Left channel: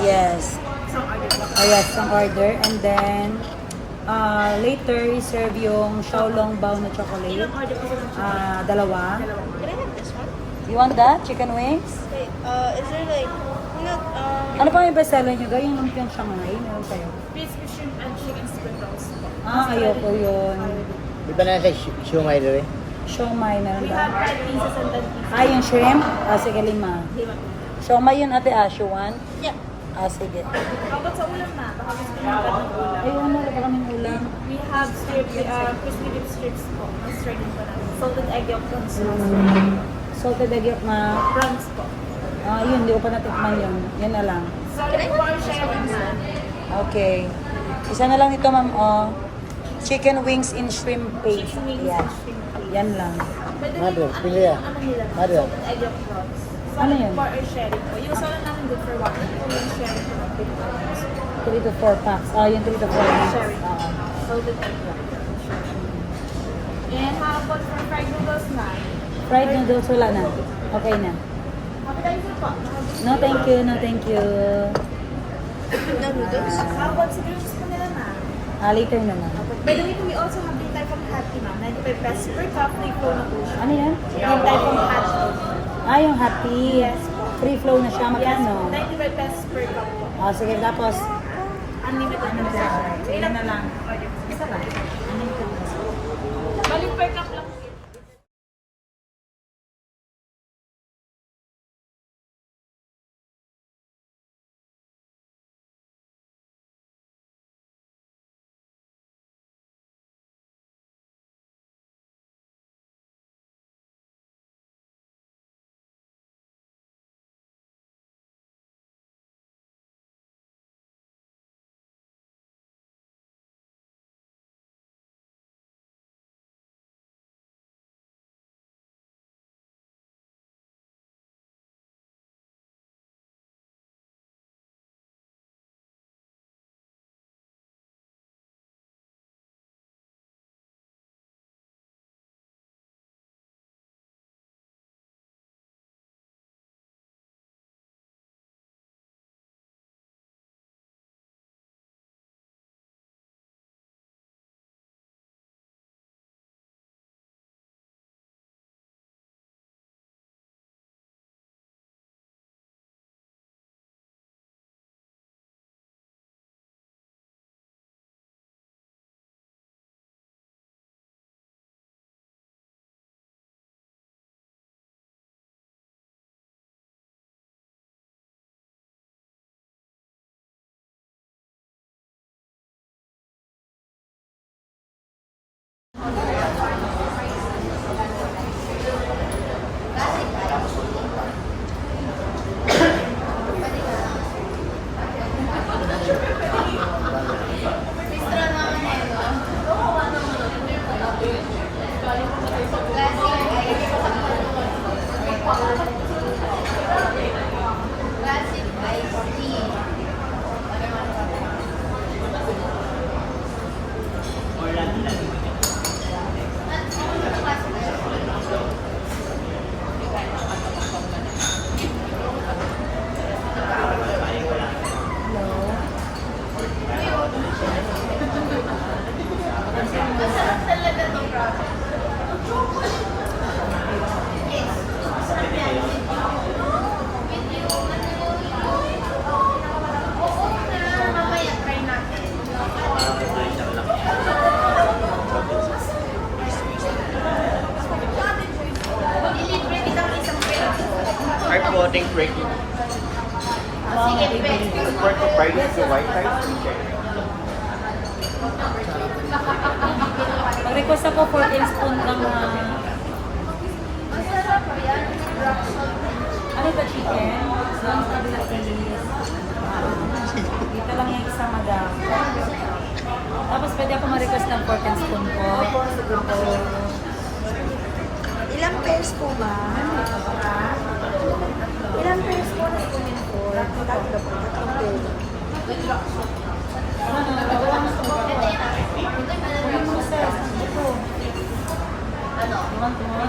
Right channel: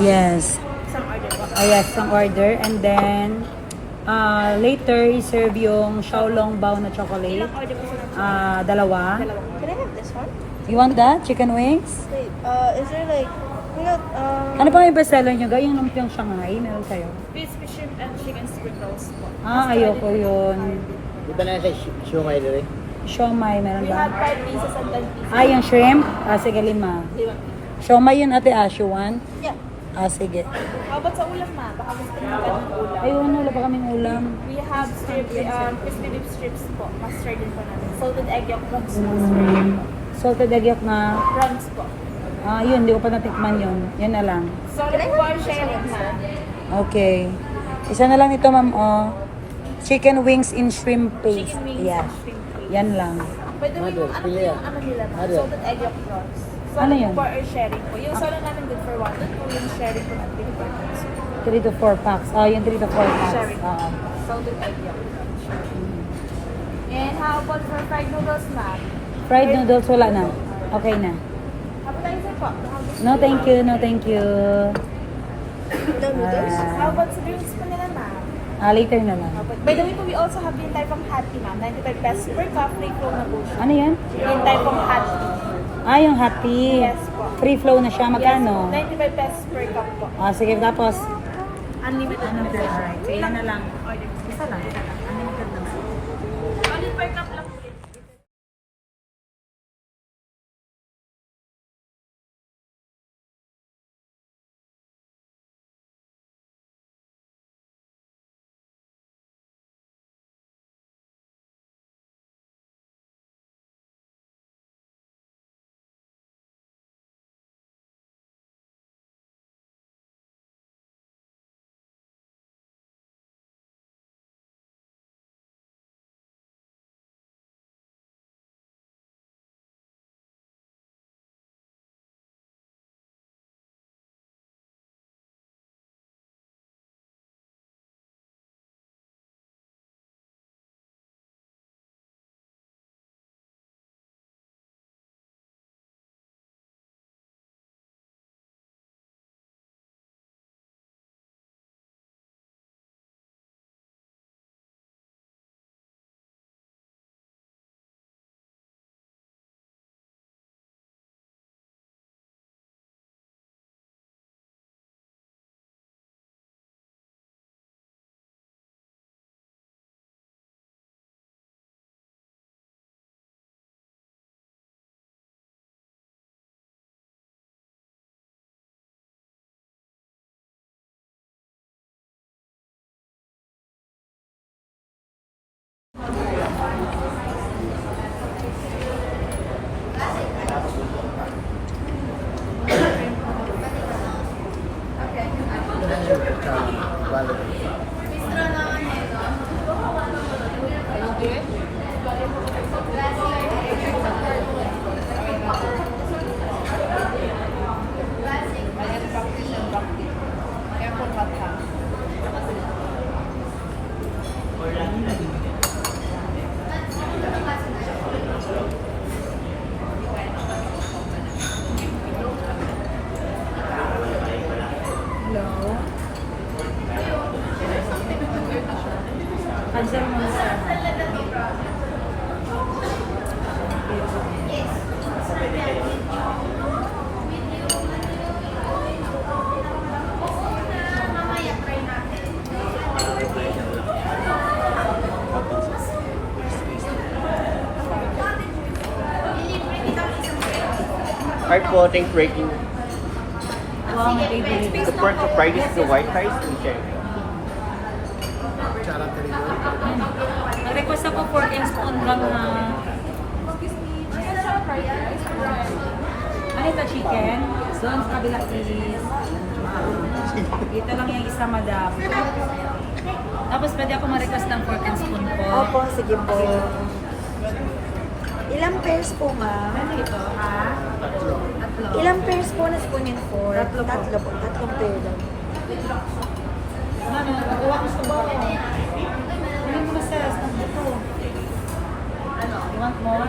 Yes. Some order po. Oh, yes, yung order. And then, later, serve yung Xiaolong Bao na chocolate. Ilang order po sa Dalawa. dalawang order? You want that? Chicken wings? Is there like, Ano pa yung bestseller nyo? Yung lumpiang Shanghai? Ano sa'yo? crispy shrimp and chicken spring rolls po. Ayoko yun. Di ba na sa Shanghai rin? Siomai na We ba? have 10 wings sa Sandan Pizza. Yung shrimp? Sige, 5. Lima. Siomai yun ate, you want? Yeah. Sige. How about sa ulam ma? Baka mas pinagkat ng ulam. Ayun, wala pa kaming ulam. We have crispy beef strips po. Mustard din po namin. Salted egg yolk prawns mustard. Salted egg yolk na. Prawns po. Yun, hindi ko pa natikman yun. Yun na lang. So, ano po our sharing na? Okay. Isa na lang ito, ma'am. Chicken wings in shrimp paste. Chicken wings Yan. and shrimp paste. Yan lang. Pwede rin yung Pili yan. ano nila, Ano? salted egg yolk prawns. So, Ano ano yun? po our sharing po? Yung solo namin good for 1. Ito yung sharing po ng Pilipinas. 3 to 4 packs. Yung 3 to 4 packs. Sharing po. Salted egg yolk. And how about for fried noodles na? Fried noodles, wala na. Okay na. Appetizer po. No, thank you. No, thank you. No noodles? How about sa drinks po nila ma? Later na lang. By the way po, we also have din type of hot tea ma'am. 95 pesos per cup, free flow na po siya. Ano yan? Yung type of hot tea. Yung happy. Yes po. Free flow na siya. Magkano? 95 pesos per cup po. Sige, tapos. Unlimited na po. Ilan na lang? Order po. Isa ba? Balik per cup lang po. Hello? Cancel mo na sir. Hard floating breaking. Wow, my favorite. Fried is the white rice. Mag-request ako for spoon lang na... Ano ito, chicken? Doon sa kabila please. Dito lang yung isa, madam. Tapos pwede ako ma-request ng pork and spoon po. Sige po. Ilang pairs po ba? Ano ito, ha? Tatlo. Ilang pairs po na spoonit po? Tatlo po. Tatlong pairs. Ano, nagagawa mo sa bawa. Kunin mo na sir, sa buto. You want more?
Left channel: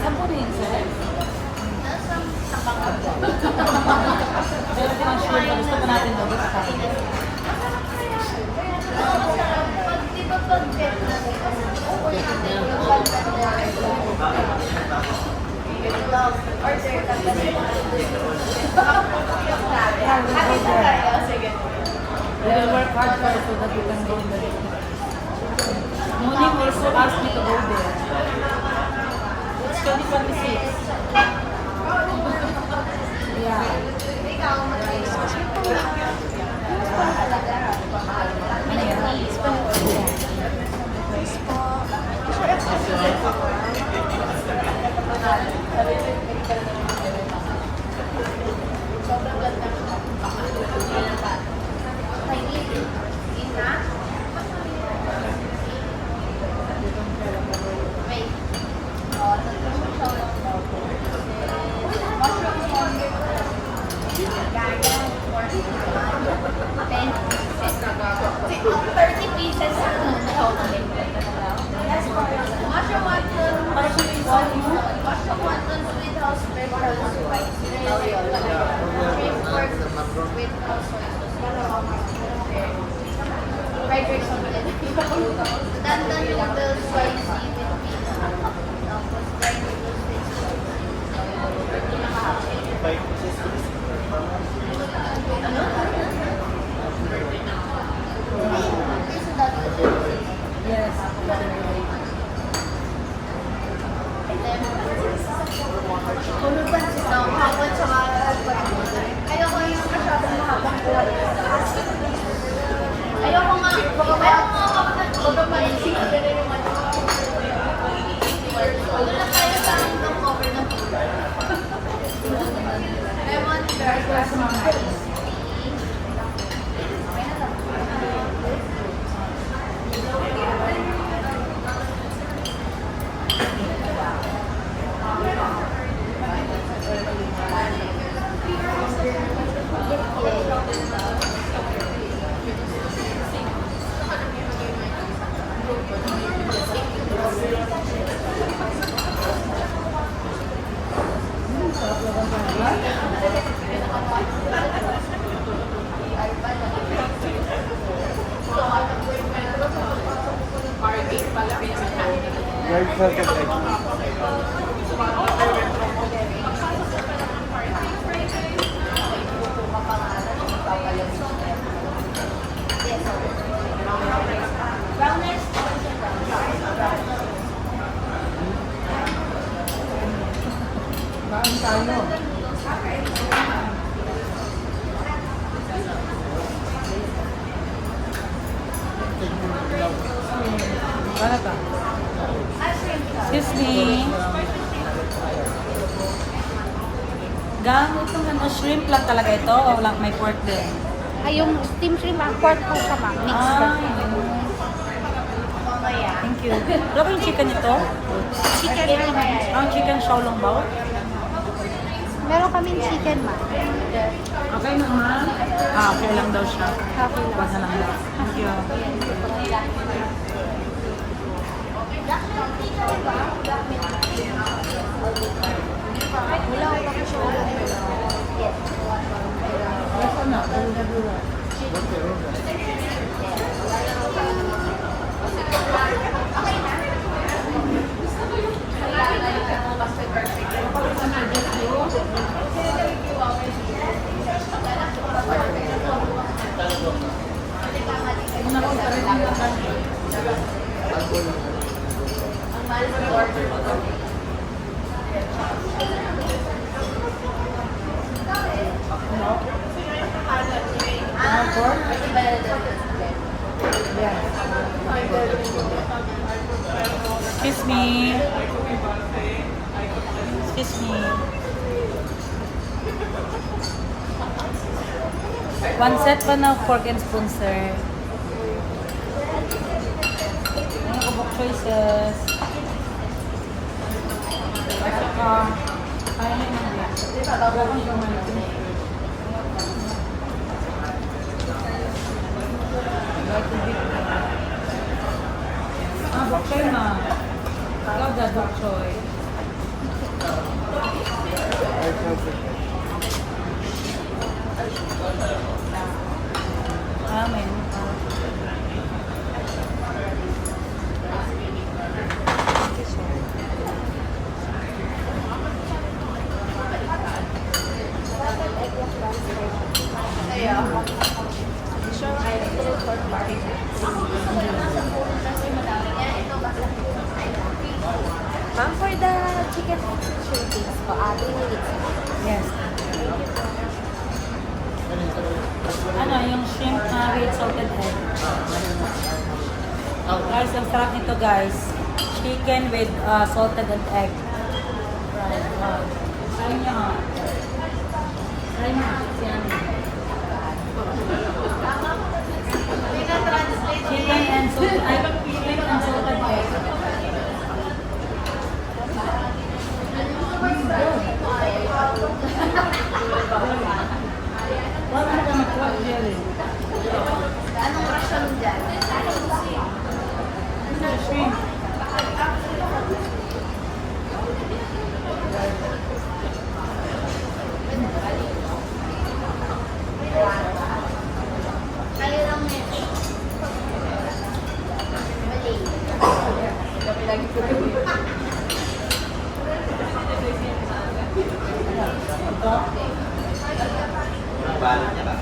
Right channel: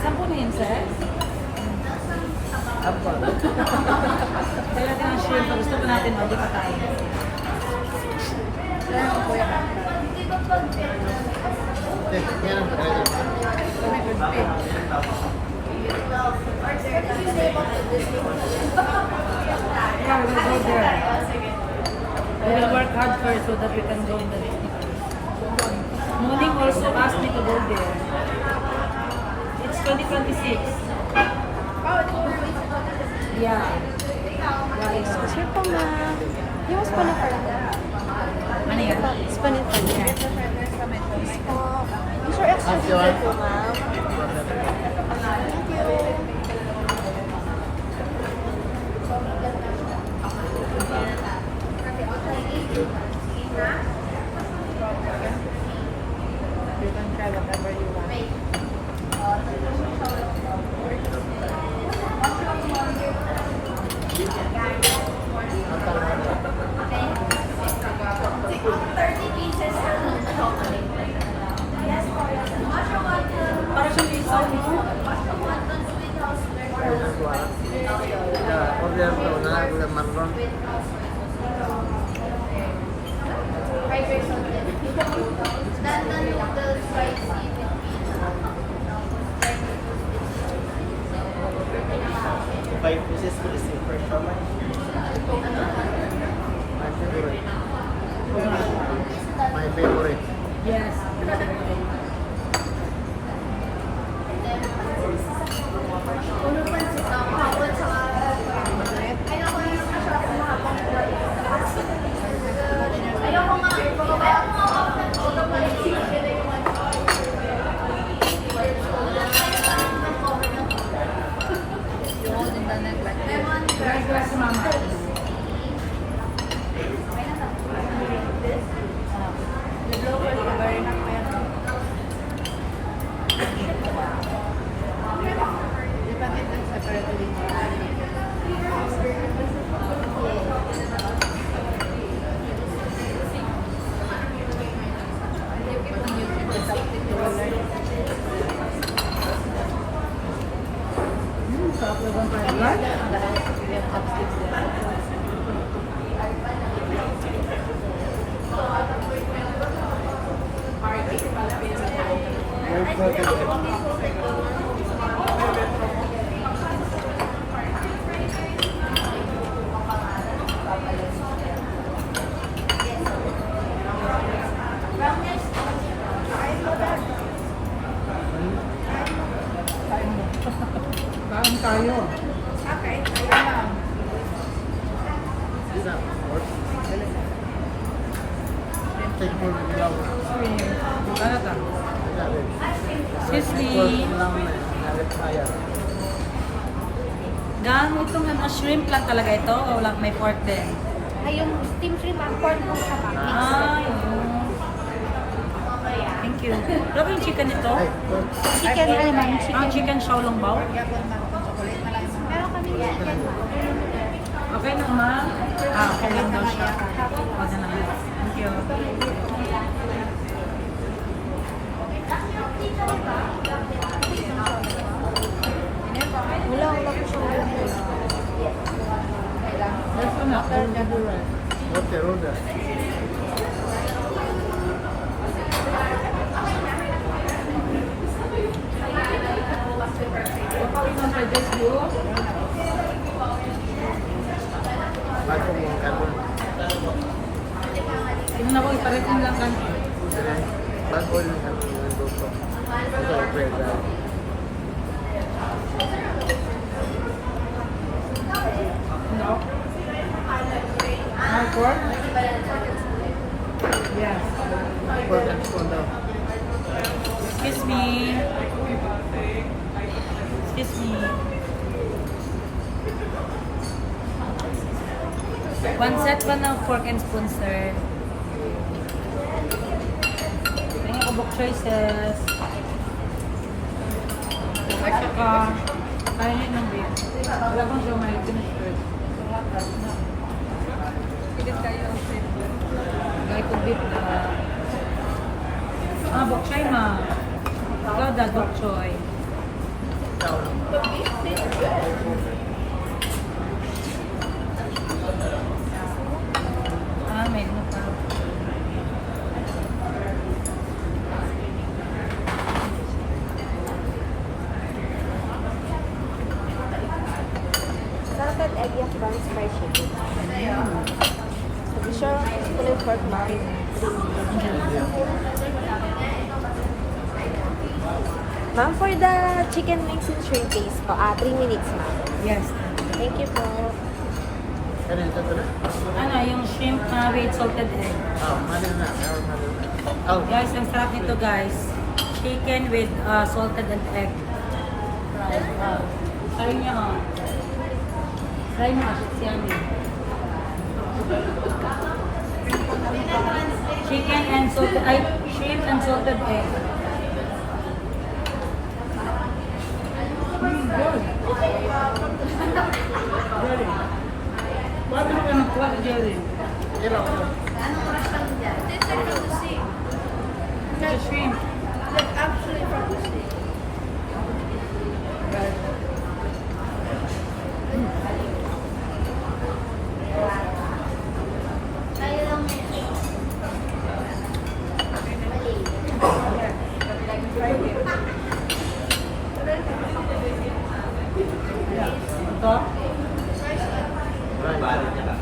Sampo na yun, sir? natin, lagi pa tayo. Yeah, we'll go there. We will work hard first so that we can go in the Muning also asked me to go there. It's 2026. Yeah. Ano yan? Yeah. Para siya yung sound mo. Yes. Gracias, mama. Sarap lang ang pagkat. Kain tayo. Ano ka? Excuse me. Gang, itong ano, shrimp lang talaga ito o walang may pork din? Ay, yung steam shrimp ang pork ko sa mix. Ay, yun. Thank you. Ano yung chicken ito? Chicken rin. Ah, chicken shaolong bao? Meron kami chicken. Okay na naman? Ah, okay lang daw siya. Huwag na lang. Thank you. Wala ko siya ulo. Yes, anak. I will have you right. Tingnan ako, iparating lang kan. No? Pork? Yeah. Excuse me. Excuse me. One set pa na fork and spoon, sir. Mga kabok choices. At saka, kaya nyo ng beef. Wala kang gamay, tinipid. Like a bit, bok choy ma. Gada bok choy. chicken wings with shrimp base po. 3 minutes po. Yes. Thank you po. Ano, yung shrimp with salted egg. Guys, ang sarap nito guys. Chicken with salted egg. Try nyo. Try nyo. It's yummy. Chicken and salted egg. Shrimp and salted egg. Good. Jelly. Why naman ka nag-quack jelly? The shrimp. Ito? Balot niya ba?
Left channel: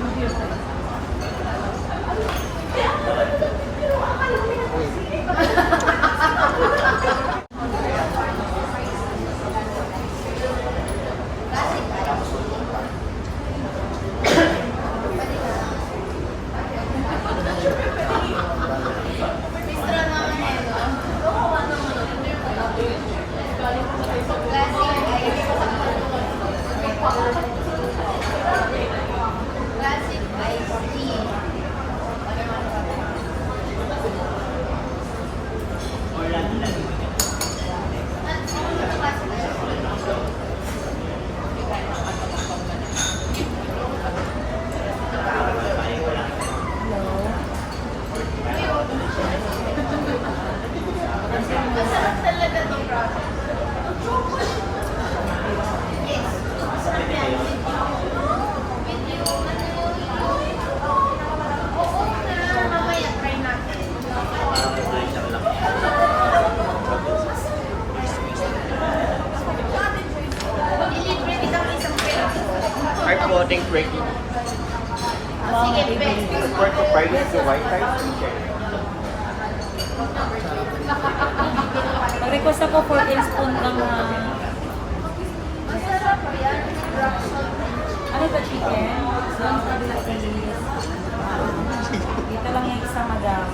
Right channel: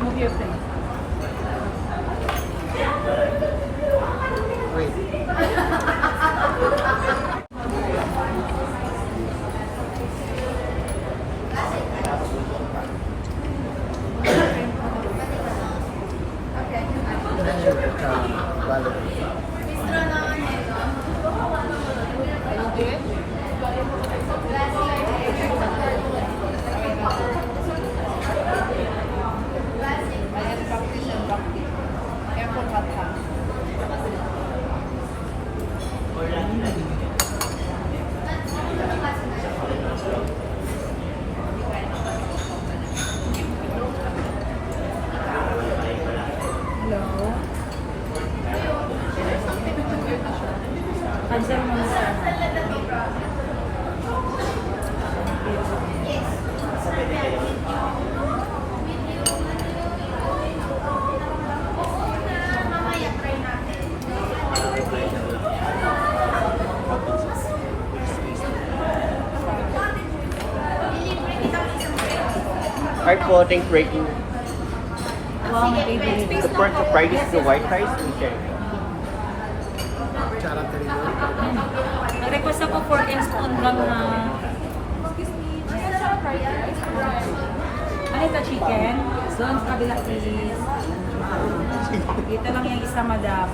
Move your face. Hello? Cancel mo na sana. Heart floating breaking. Wow, my favorite. Fried rice po, white rice. Okay. Mag-request ako for spoon lang na... Ano ito, chicken? Doon sa kabila please. Dito lang yung isa, madam.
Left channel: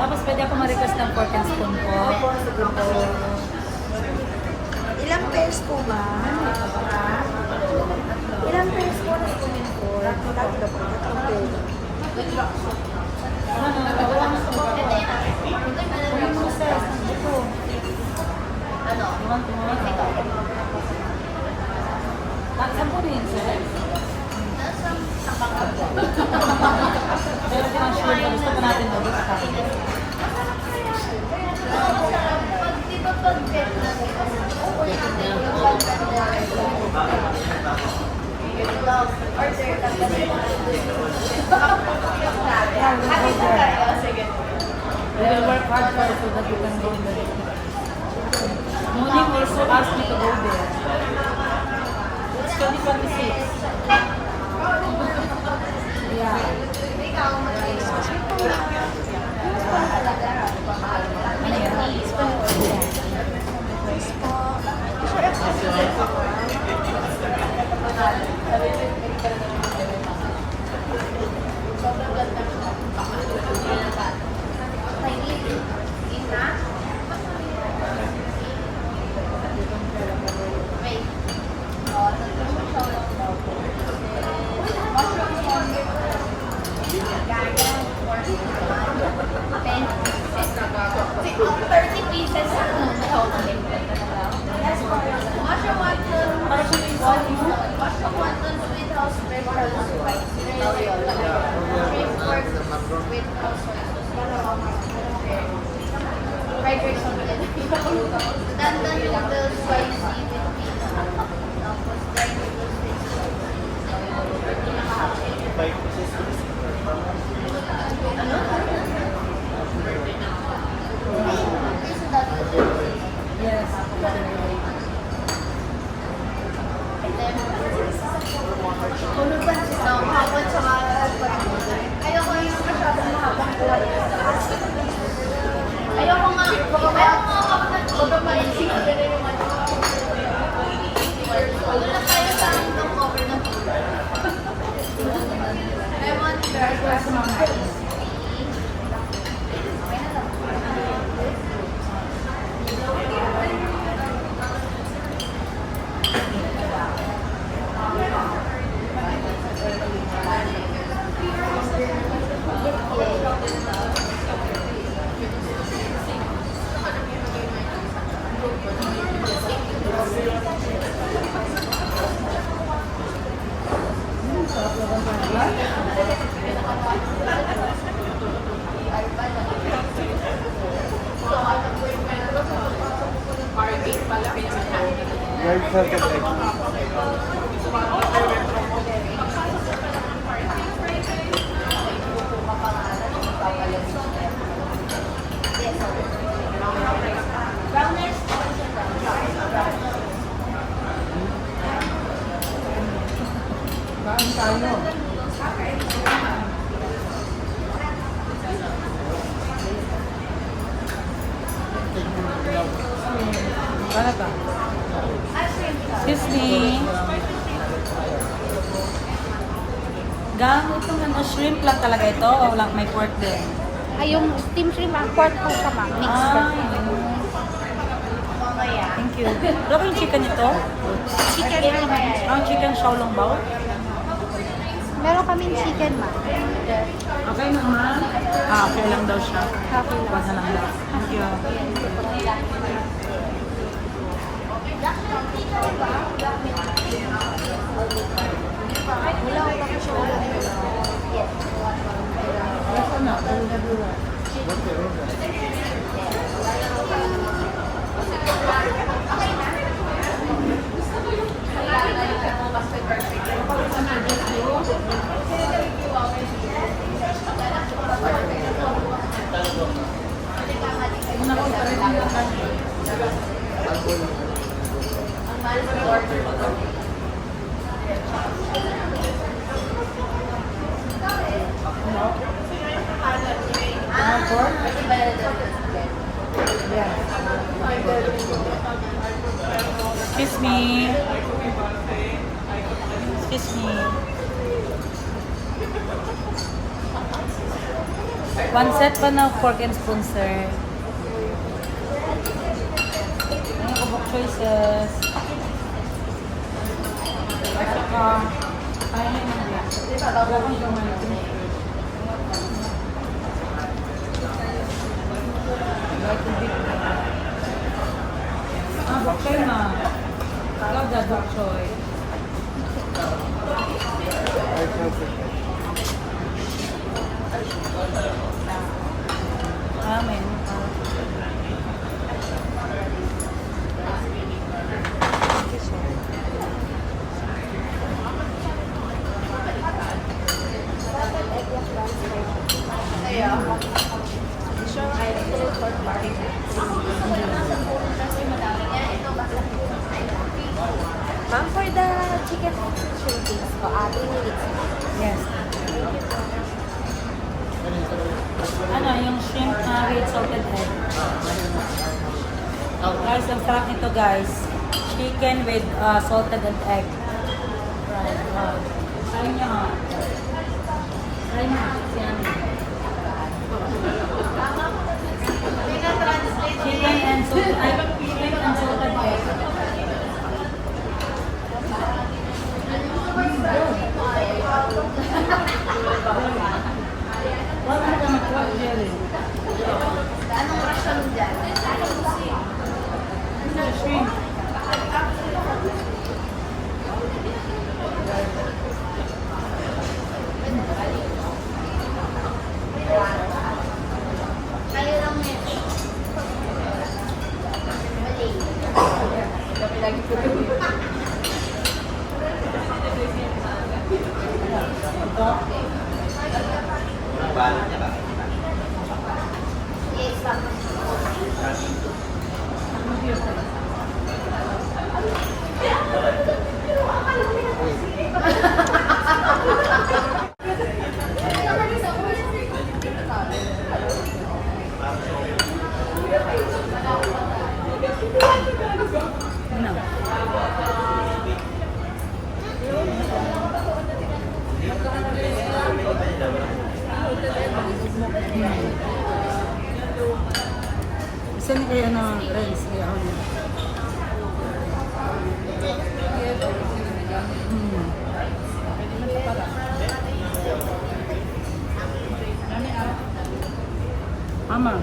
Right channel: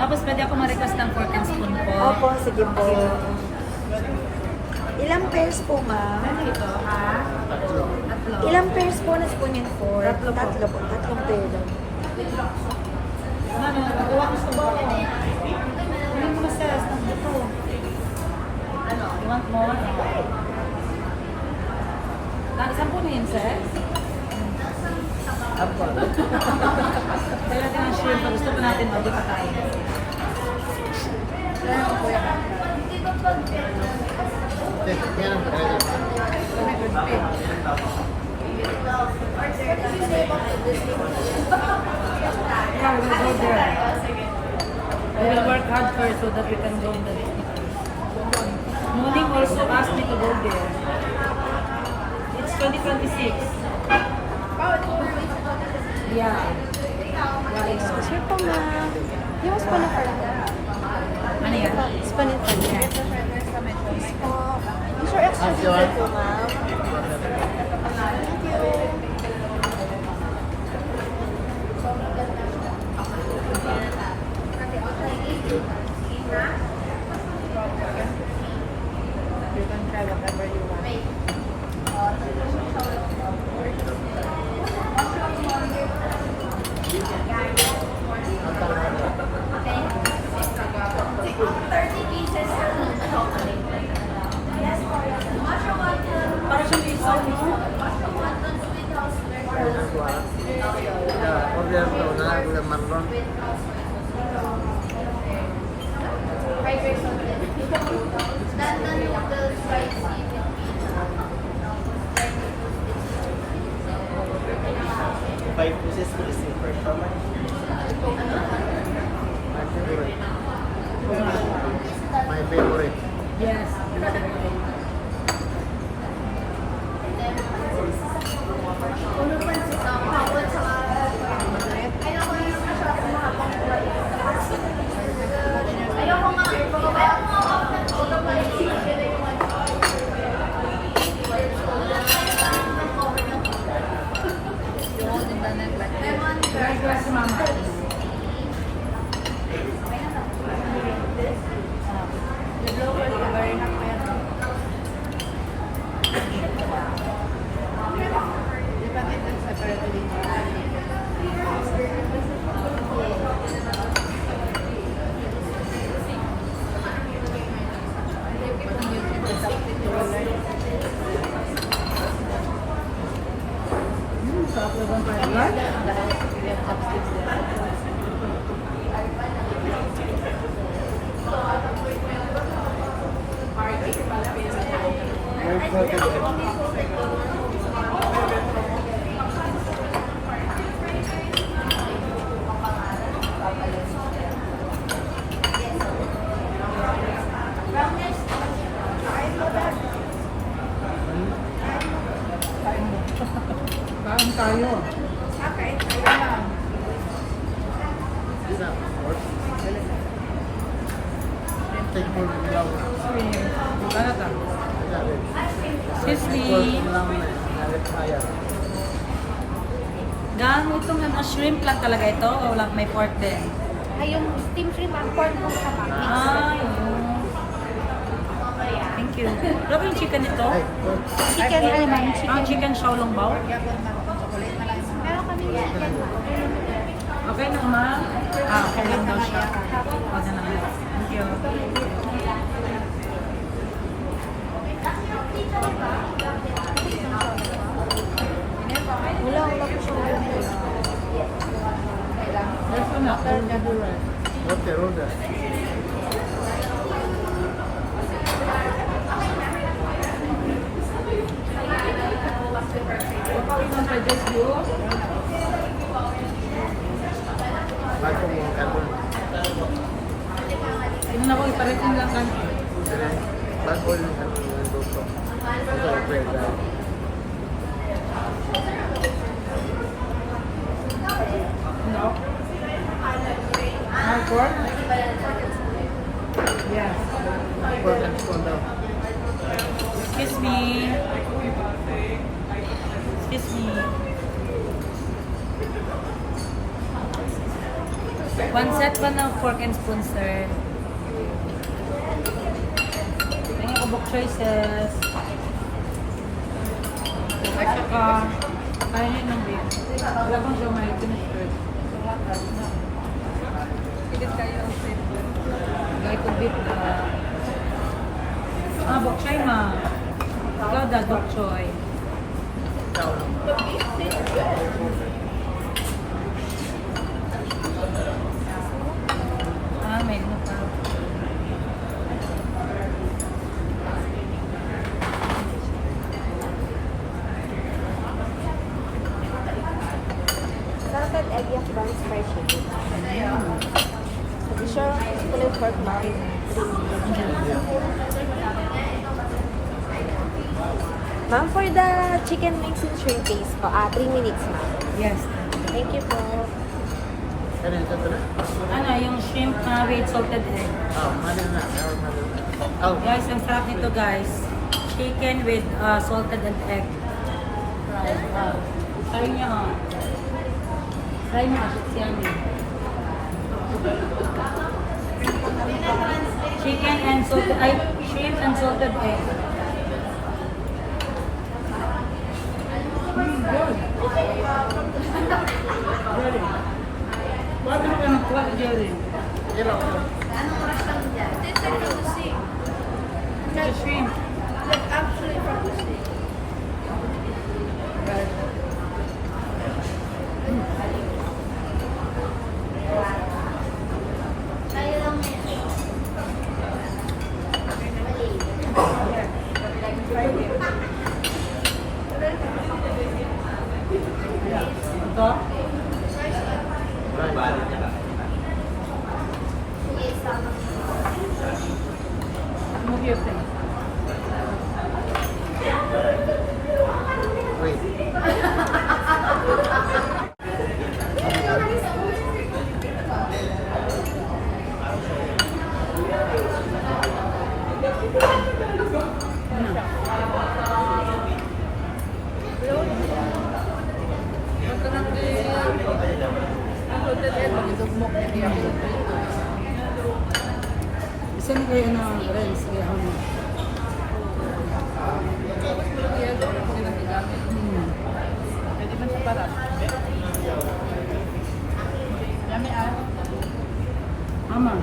Tapos pwede ako ma-request ng fork and spoon po. Sige po. Ilang pairs po ba? Ano ito, ha? Tatlo. Ilang pairs po na sa nito? Tatlo po. Tatlong pair. Ano, nagawa mo sa bawa. Ano mo na sis? Ang buto. You want more? Saan po rin, sis? Pero yung shrimp, gusto pa natin ulit na tayo. Yeah, we will go there. We will work hard first so that we can go in the Morning also asked me to go there. It's 2026. Yeah. Ano yan? It's 2026. Yeah. Para siyang yung sound mo. Yes. Right? Kain tayo. Kain tayo. Magkano ka? Excuse me. Gang, itong ano, shrimp lang talaga ito o lang may pork din? Ay, yung steam shrimp ang pork po siya ma'am. Mixed Ah, yun. Thank you. Ito yung chicken ito? Chicken rin ma'am. Ah, chicken shaolong bao? Meron kaming chicken ma'am. Okay na naman? Ah, okay lang daw siya. Wag na lang. Thank you. Wala po siya ulam. Rest na. We'll have you rest. Tingnan ako, iparating lang kayo. Hello? Pork? Yeah. Excuse me. Excuse me. One set pa na fork and spoon, sir. Ayan ako, book choices. At saka, kaya niyo ng beer. Wala kang gamay, tinitreat. Like a bit, bok choy ma. Ikaw da, bok choy. May mo pa. Ma'am, for the chicken mix with shrimp wings po, 3 minutes. Yes. Thank you po. Ano, yung shrimp with salted egg. Guys, ang sarap nito guys. Chicken with salted egg. Right. Try nyo. Try nyo. It's yummy. Chicken and salted egg. Shrimp and salted egg. Good. Very. Why mo ka nagkuha, Jerry? The shrimp. Yeah. Ito? Move your face. Isa ni kaya na rice kaya ako na. Mama.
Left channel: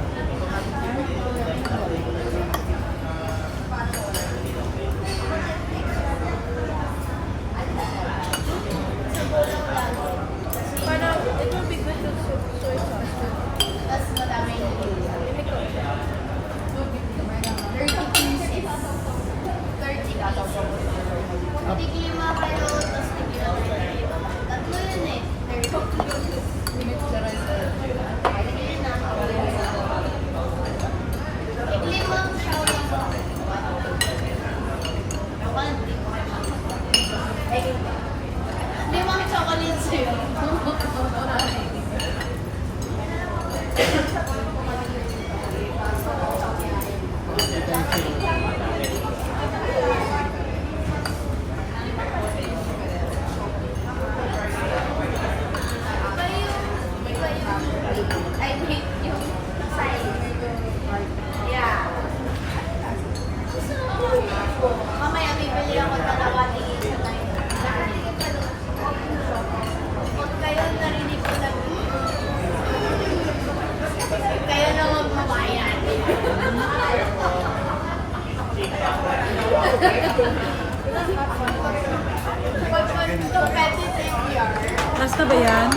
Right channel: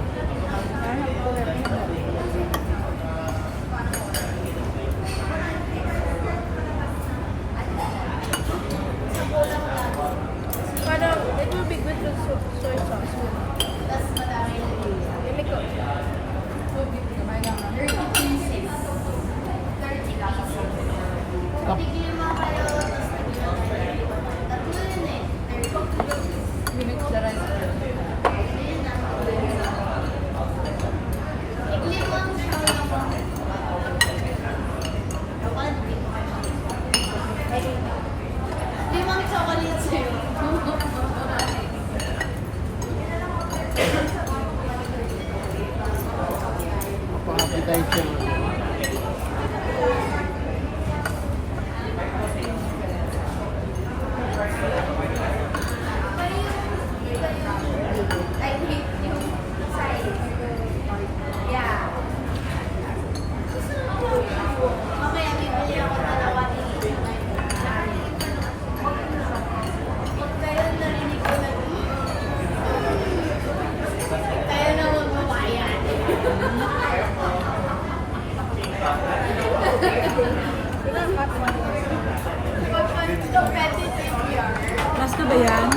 Last na ba yan?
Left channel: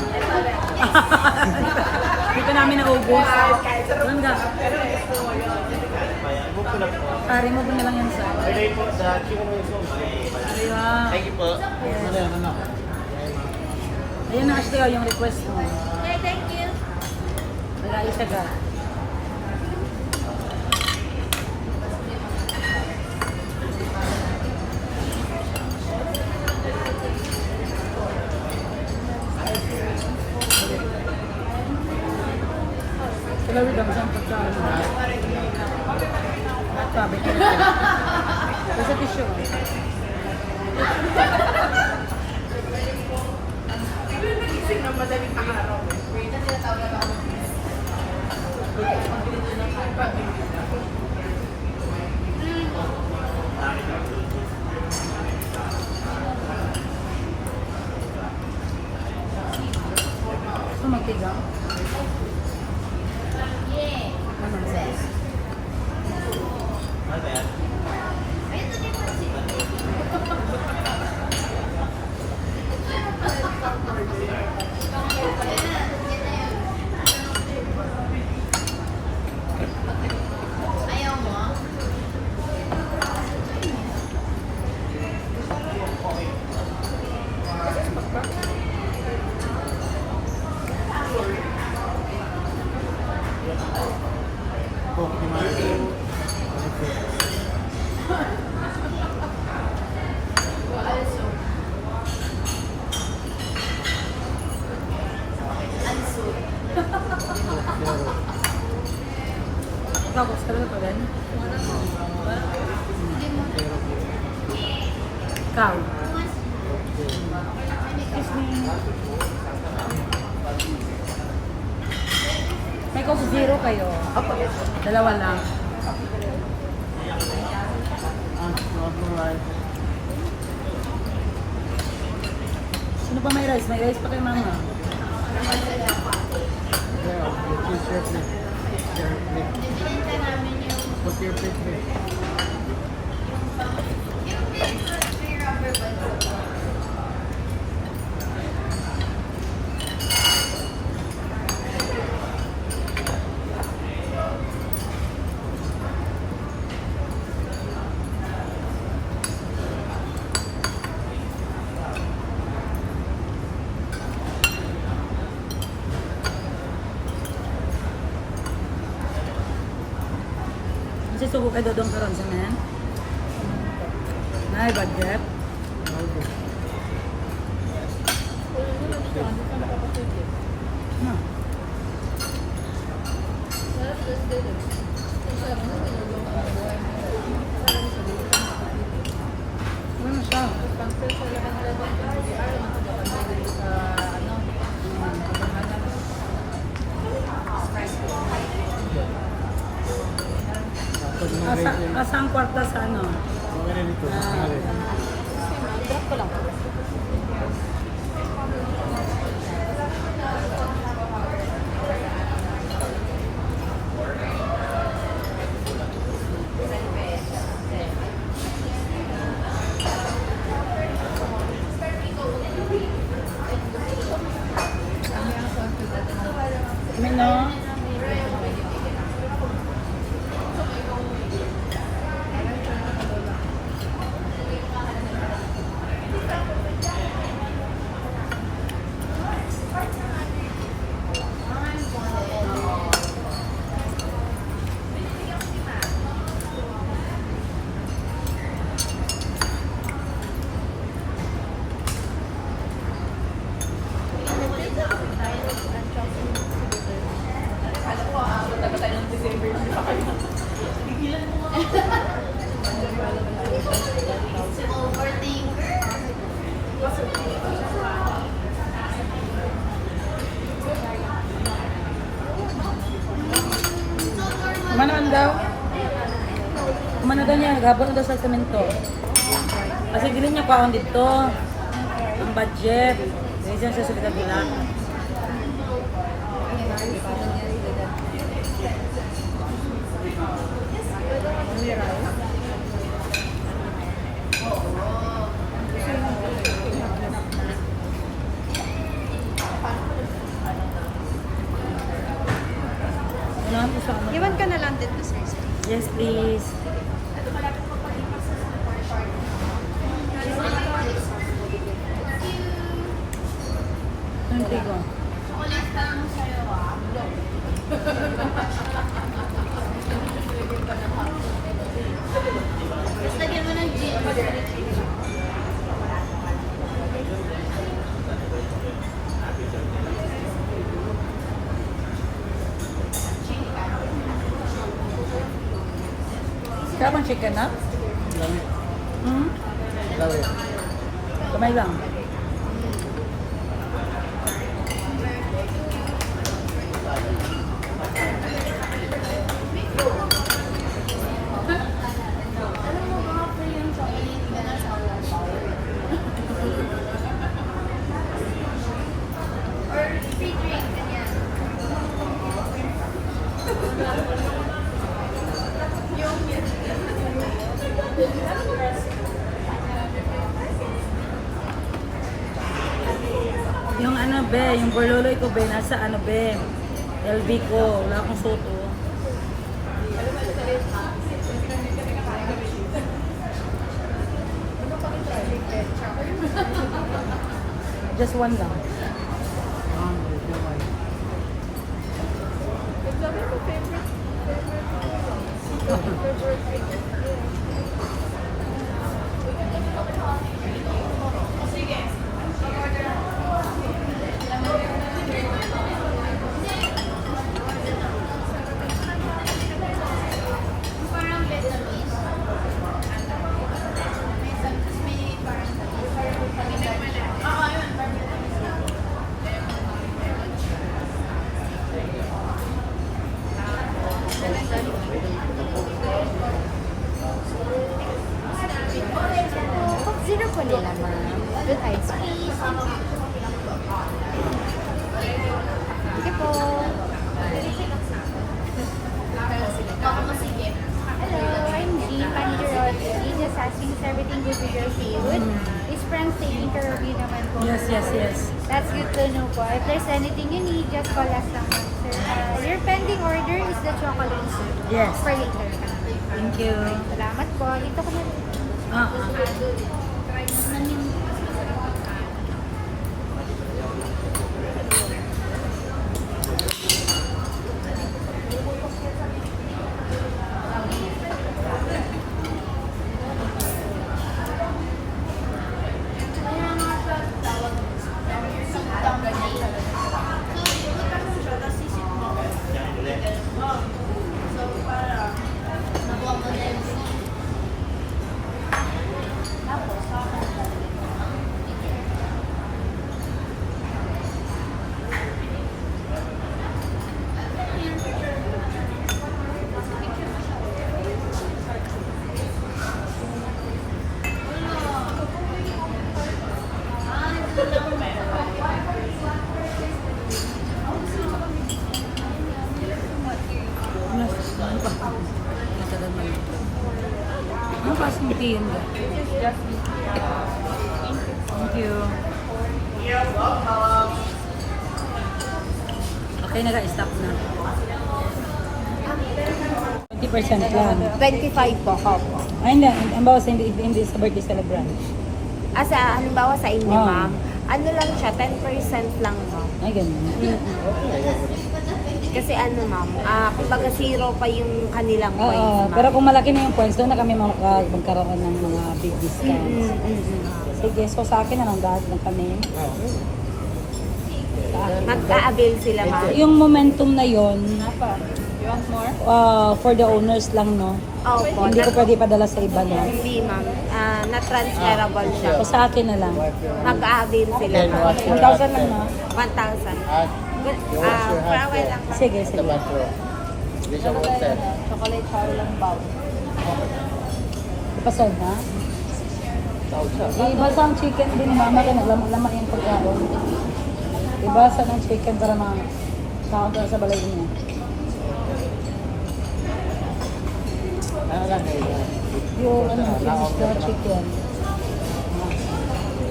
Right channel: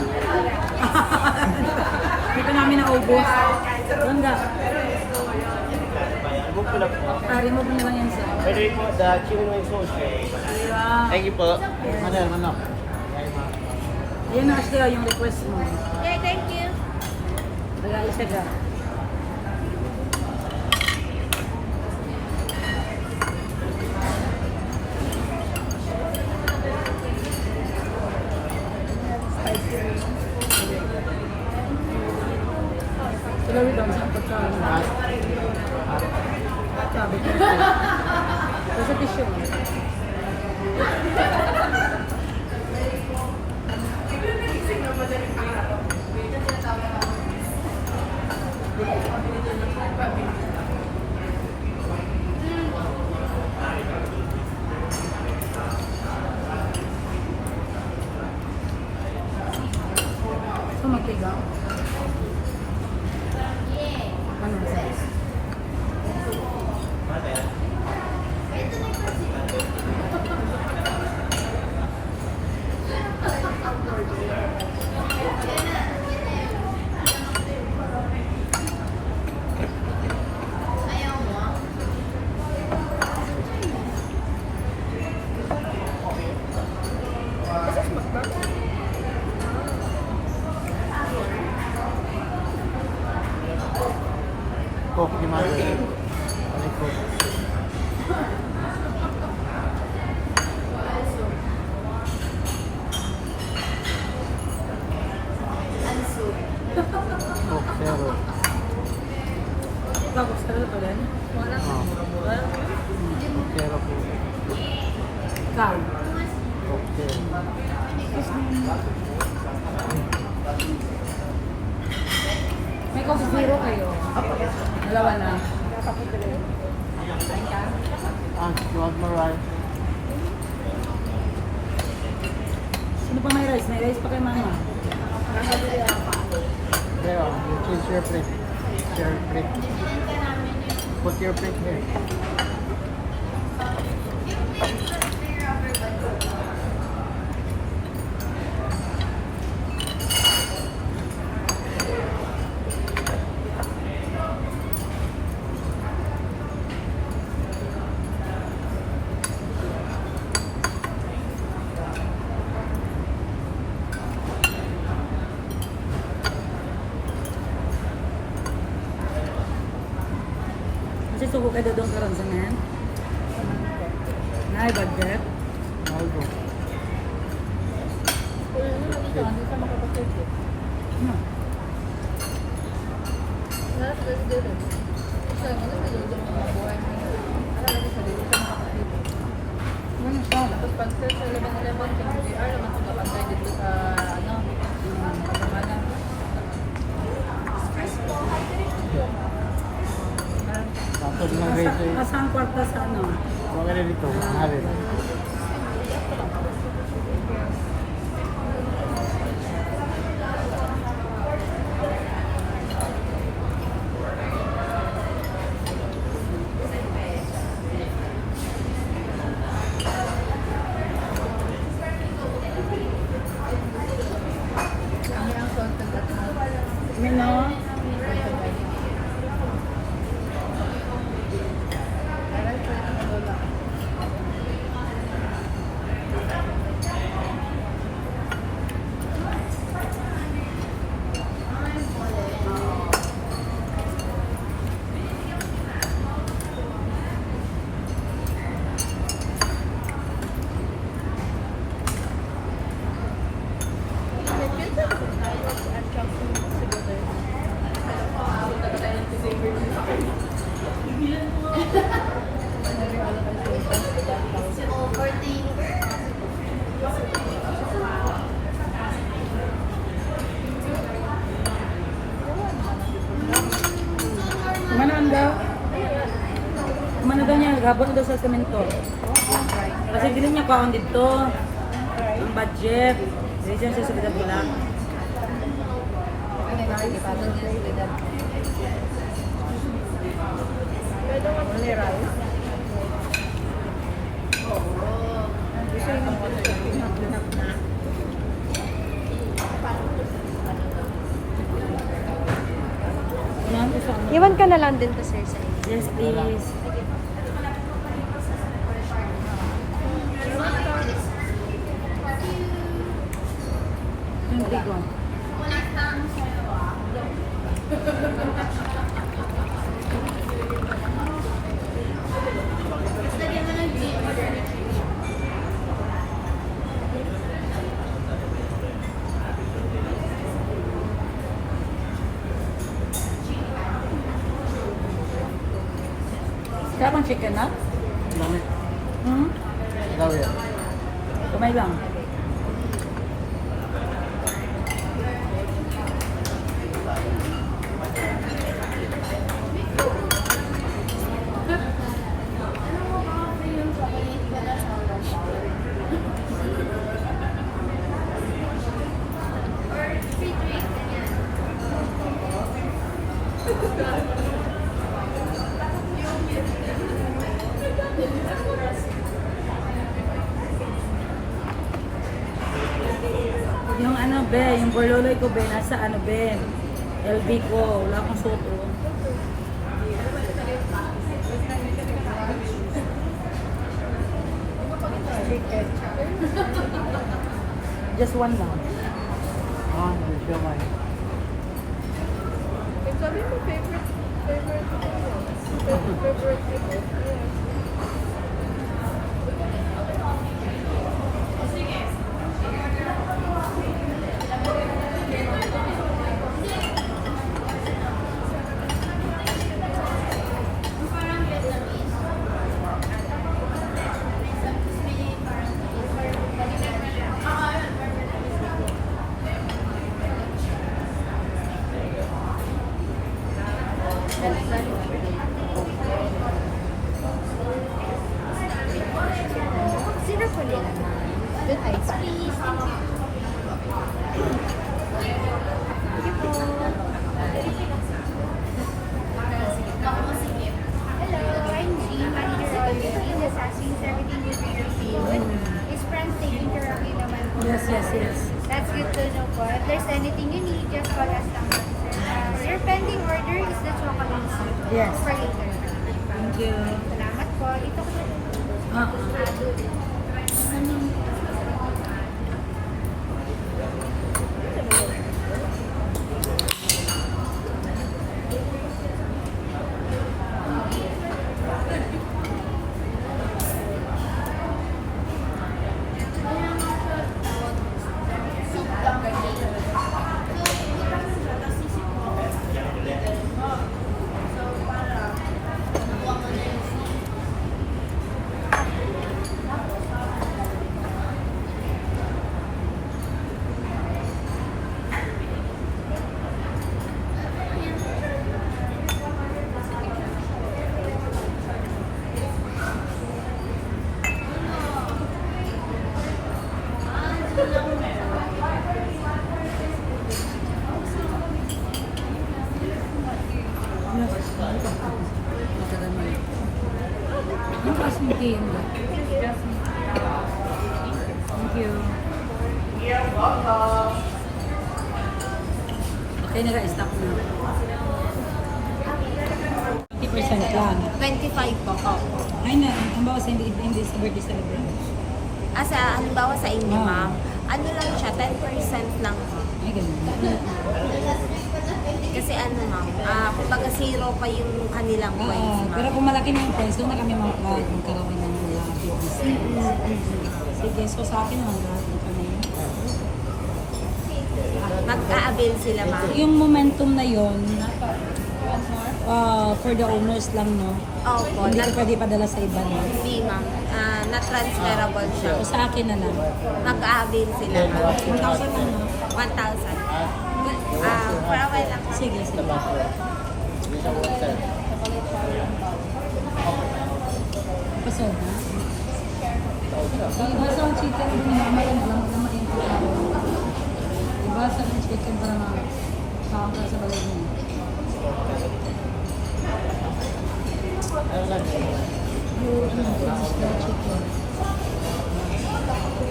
Dito namin naubos. Ganda. Pare mo ba na lang yan sa... Diba? Thank you po. Ayan na Ashley, yung request mo. Okay, thank you. Wala isa ka. Sila rin ang isang pagkain. Sabi ko. Kasi tissue. Sumakigang. Ano? Tapos talaga pa rin? Ikaw? May Coke Zero kayo. Dalawa na. Sino pa may rice? May rice pa kay mama. Put your plate there. Kasi suko kayo doon karon sa men. Nay budget. No. Ano siya? Asa ang kwarta sa ano? Mga dito. Mino? Kumanan daw? Kumana daw niya, naghapon daw sa semento. Kasi dili niya kaon dito. Ang budget. Dili siya sa subida bila. Pwede mo rice. London Christmas. Yes, please. Hindi ko. Sarap ang chicken na? Lamit. Hmm? Lamit. Kamay lang. Yung ano be, yung bololoy ko be, nasa ano be, LB ko, wala akong suot oh. Just one lang. Ah, dito na. Sabi mo favorite yeah. Sino po nila, ma'am? With ice cream. Sige po. Just asking if everything is your favorite. His friends taking care of you naman po. Yes, yes, yes. That's good to know po. If there's anything you need, just call us lang. Your pending order is the chocolate soup. Yes. Per liter. Thank you. Salamat po. Dito po. Ah, ano ba? Matagal na yun. Ano pa yung game ba? Thank you. Okay, naka-stop na. 50% lang. 25 po, opo. Ay, ang bawas hindi sa birthday celebrant. Asa, halimbawa sa inyo, Oh. ma'am, ano lang siya, 10% lang po. Ay, ganun. Kasi ano, ma'am, kumbaga zero pa yung kanilang Oo, points, ma'am. pero kung malaki na yung points, doon na kami magkaroon ng mga big discounts. Sige, so sa akin na lang dahil na kami. Mag-a-avail sila, ma'am. Yung momentum na yon, for the owners lang, no? Opo, Hindi ko pwede padala sa iba, no? hindi, ma'am. Na-transferable siya. So sa akin na lang. Mag-a-avail sila, ma'am. 1,000 lang, no? 1,000. Good. For a while lang, ma'am. Sige, sige. Pasal na? Ibasa ang chicken din, mama ka naglaman yung pagkain. Ibasa ng chicken para makakapal sa balay niya. Yung ano, this is the chicken.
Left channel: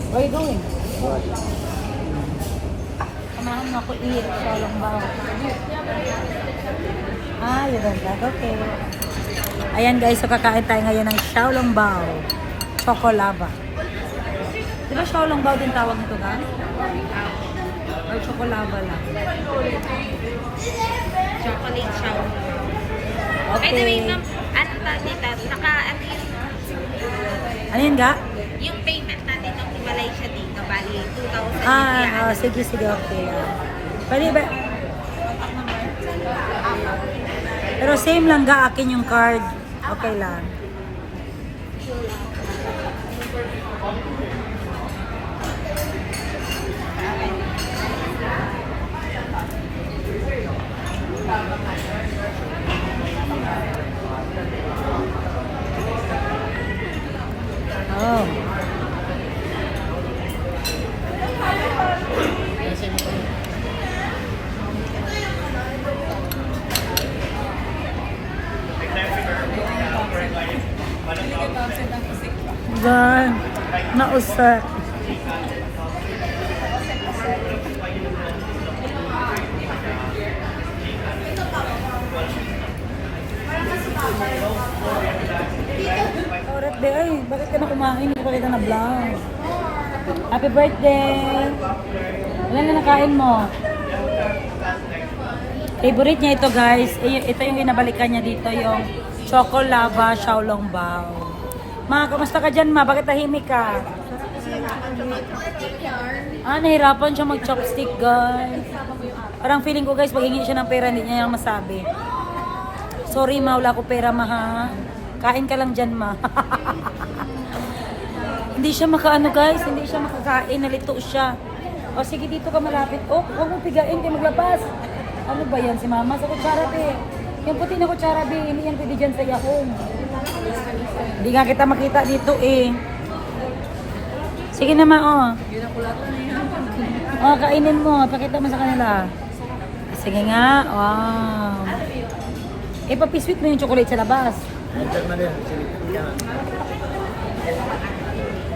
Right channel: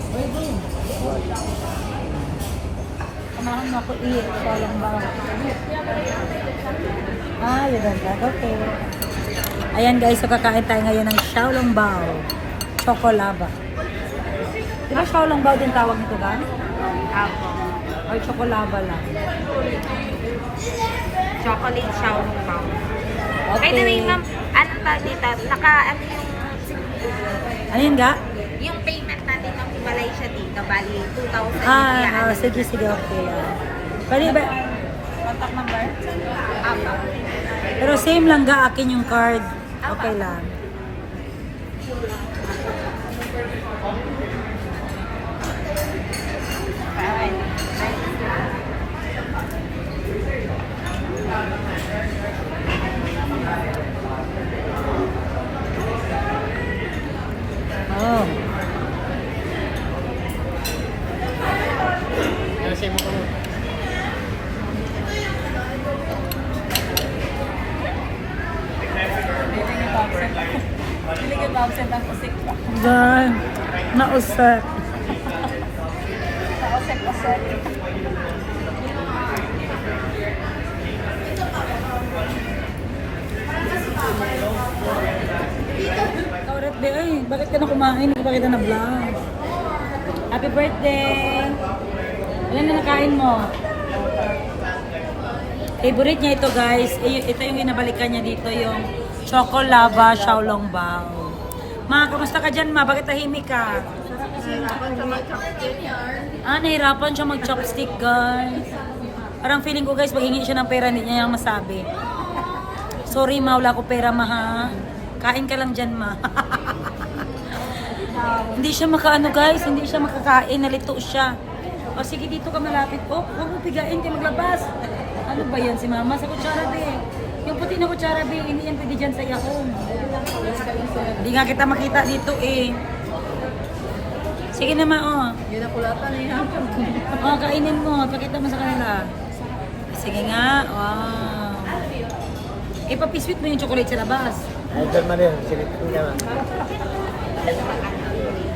Where are you going? Kamahan mo ako i-ito lang ba? Ah, you don't like. Okay. Ayan guys, so kakain tayo ngayon ng Xiaolongbao. Chocolava. Di ba Xiaolongbao din tawag nito ka? Apo. Or chocolava lang? Chocolate Xiaolongbao. Okay. By the way, ma'am, ano tawag dito? Ano Ano yun ga? yung payment natin ng hiwalay siya dito, bali 2,000 Sige, okay. Pwede ba? Contact number? Apo. Pero same lang ga, akin yung card. Okay lang. Oh. Gan, nausap. Oret de, ay, bakit ka na kumain? Hindi pa kita na vlog. Happy birthday! Ilan na nakain mo? Favorite niya ito guys. Ito yung inabalikan niya dito, yung Chocolava Xiaolongbao. Ma, kamusta ka dyan ma? Bakit tahimik ka? Nahirapan siya mag-chopstick guys. Parang feeling ko guys, pag hingi siya ng pera, hindi niya yung masabi. Sorry ma, wala ko pera ma ha. Kain ka lang dyan ma. Hindi siya makaano guys, hindi siya makakain, nalito siya. O sige, dito ka malapit. Oh, huwag mo pigain kayo maglabas. Ano ba yan si mama? Sa kutsara be. Yung puti na kutsara be, hindi yan pwede dyan sa yahong. Hindi nga kita makita dito eh. Sige naman oh. Oh, kainin mo. Pakita mo sa kanila. Sige nga. Wow. Papisweet mo yung chocolate sa labas.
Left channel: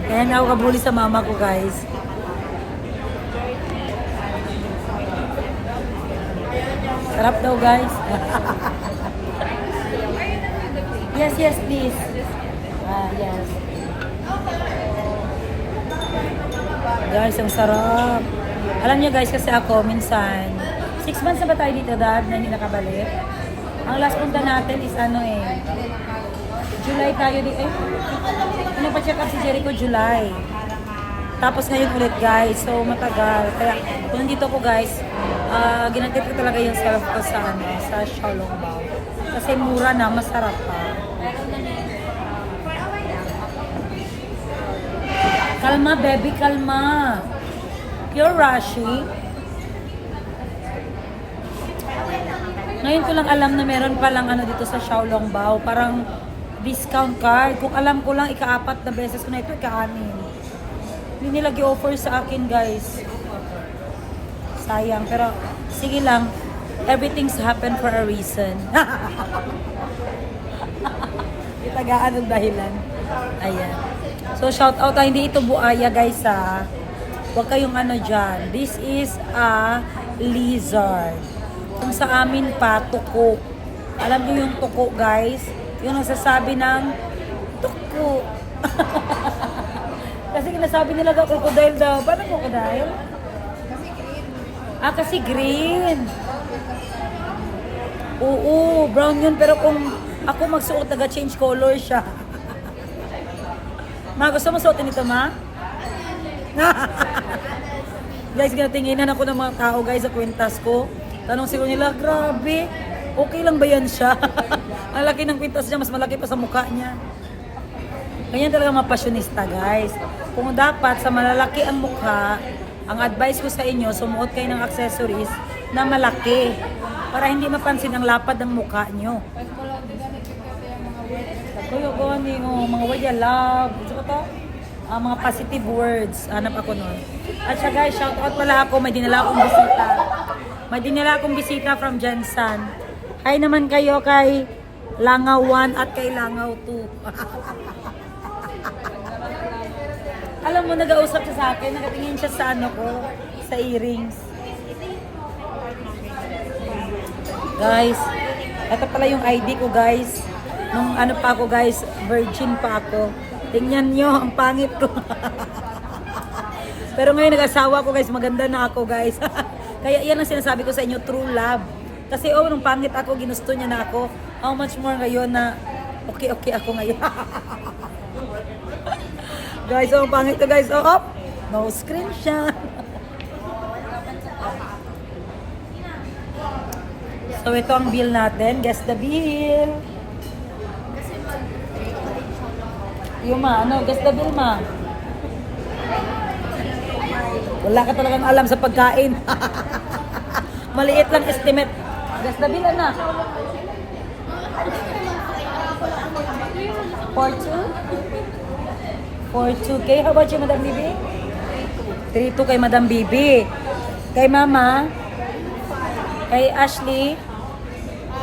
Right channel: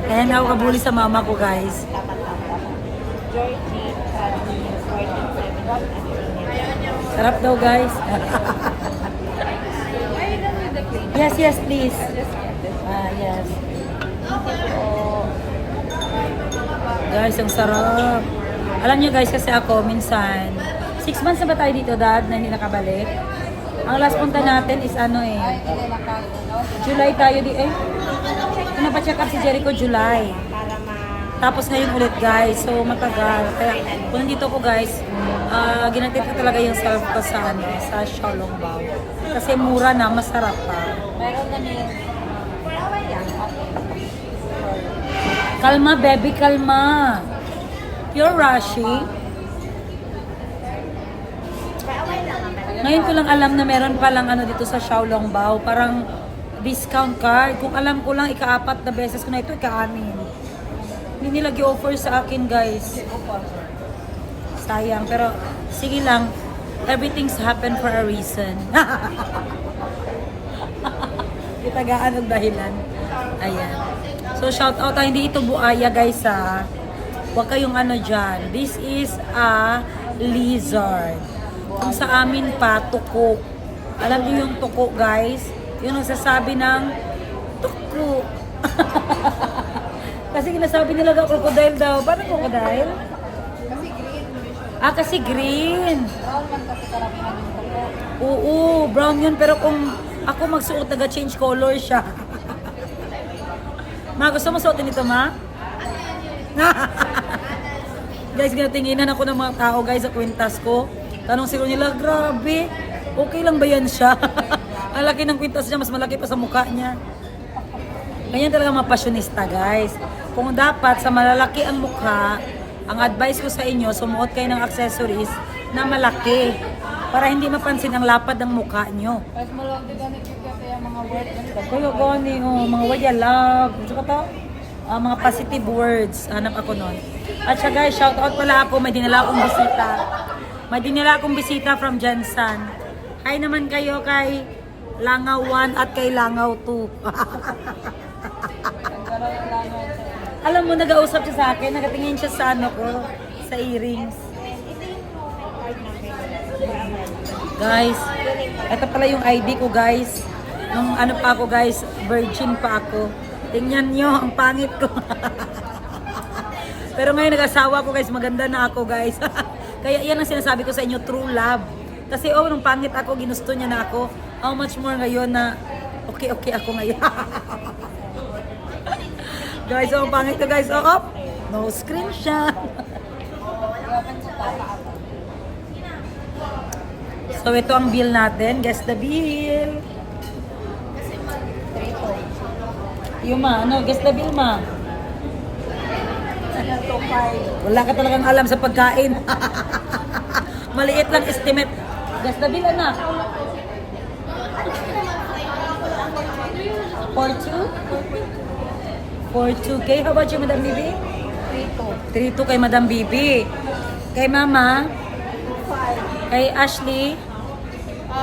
Kaya na ako kabuli sa mama ko guys. Sarap daw guys. Yes, please. Yes. Guys, ang sarap. Alam niyo guys, kasi ako minsan, 6 months na ba tayo dito dad na hindi nakabalik? Ang last punta natin is July tayo Ano pa check up si Jericho July. Tapos ngayon ulit guys, so matagal. Kaya kung nandito ko guys, ginatid ko talaga yung self ko sa sa Xiaolongbao. Kasi mura na, masarap pa. Kalma baby, kalma. Pure Rashi. Ngayon ko lang alam na meron palang dito sa Xiaolongbao, parang discount card. Kung alam ko lang, ika-4 na beses ko na ito, ika-6. Hindi nila gi-offer sa akin, guys. Sayang, pero sige lang. Everything's happened for a reason. Itagaan ang dahilan. Ayan. So, shout out. Hindi ito buaya, guys, ha. Huwag kayong dyan. This is a lizard. Kung sa amin pa, tuko. Alam niyo yung tuko, guys? Yung nagsasabi ng tuko. Kasi kinasabi nila crocodile daw. Paano crocodile? Kasi green. Oo, brown yun. Pero kung ako magsuot, naga-change color siya. Ma, gusto mo suotin ito, ma? Guys, ginatinginan ako ng mga tao, guys, sa kwintas ko. Tanong siguro nila, grabe, okay lang ba yan siya? Ang laki ng kwintas niya, mas malaki pa sa mukha niya. Ganyan talaga mga pasyonista, guys. Kung dapat sa malalaki ang mukha, ang advice ko sa inyo, sumuot kayo ng accessories na malaki para hindi mapansin ang lapad ng mukha nyo. Kaya gani, mga word ya love. Gusto ko to? Mga positive words. Hanap ako nun. At siya guys, shout out pala ako. May dinala akong bisita. May dinala akong bisita from Jensan. Hi naman kayo kay Langaw 1 at kay Langaw 2. Alam mo, nag-ausap siya sa akin. Nakatingin siya sa ko, sa earrings. Guys, ito pala yung ID ko guys. Nung ano pa ako guys, virgin pa ako. Tingnan nyo, ang pangit ko. Pero ngayon nag-asawa ko guys, maganda na ako guys. Kaya yan ang sinasabi ko sa inyo, true love. Kasi nung pangit ako, ginusto niya na ako. How much more ngayon na okay ako ngayon. Guys, ang pangit ko guys. No screenshot. So ito ang bill natin. Guess the bill. Yung guess the bill ma. Wala ka talagang alam sa pagkain. Maliit lang estimate. Guess the bill, anak. 4.2K. How about you, Madam Bibi? 3.2 kay Madam Bibi. Kay Mama? Kay Ashley?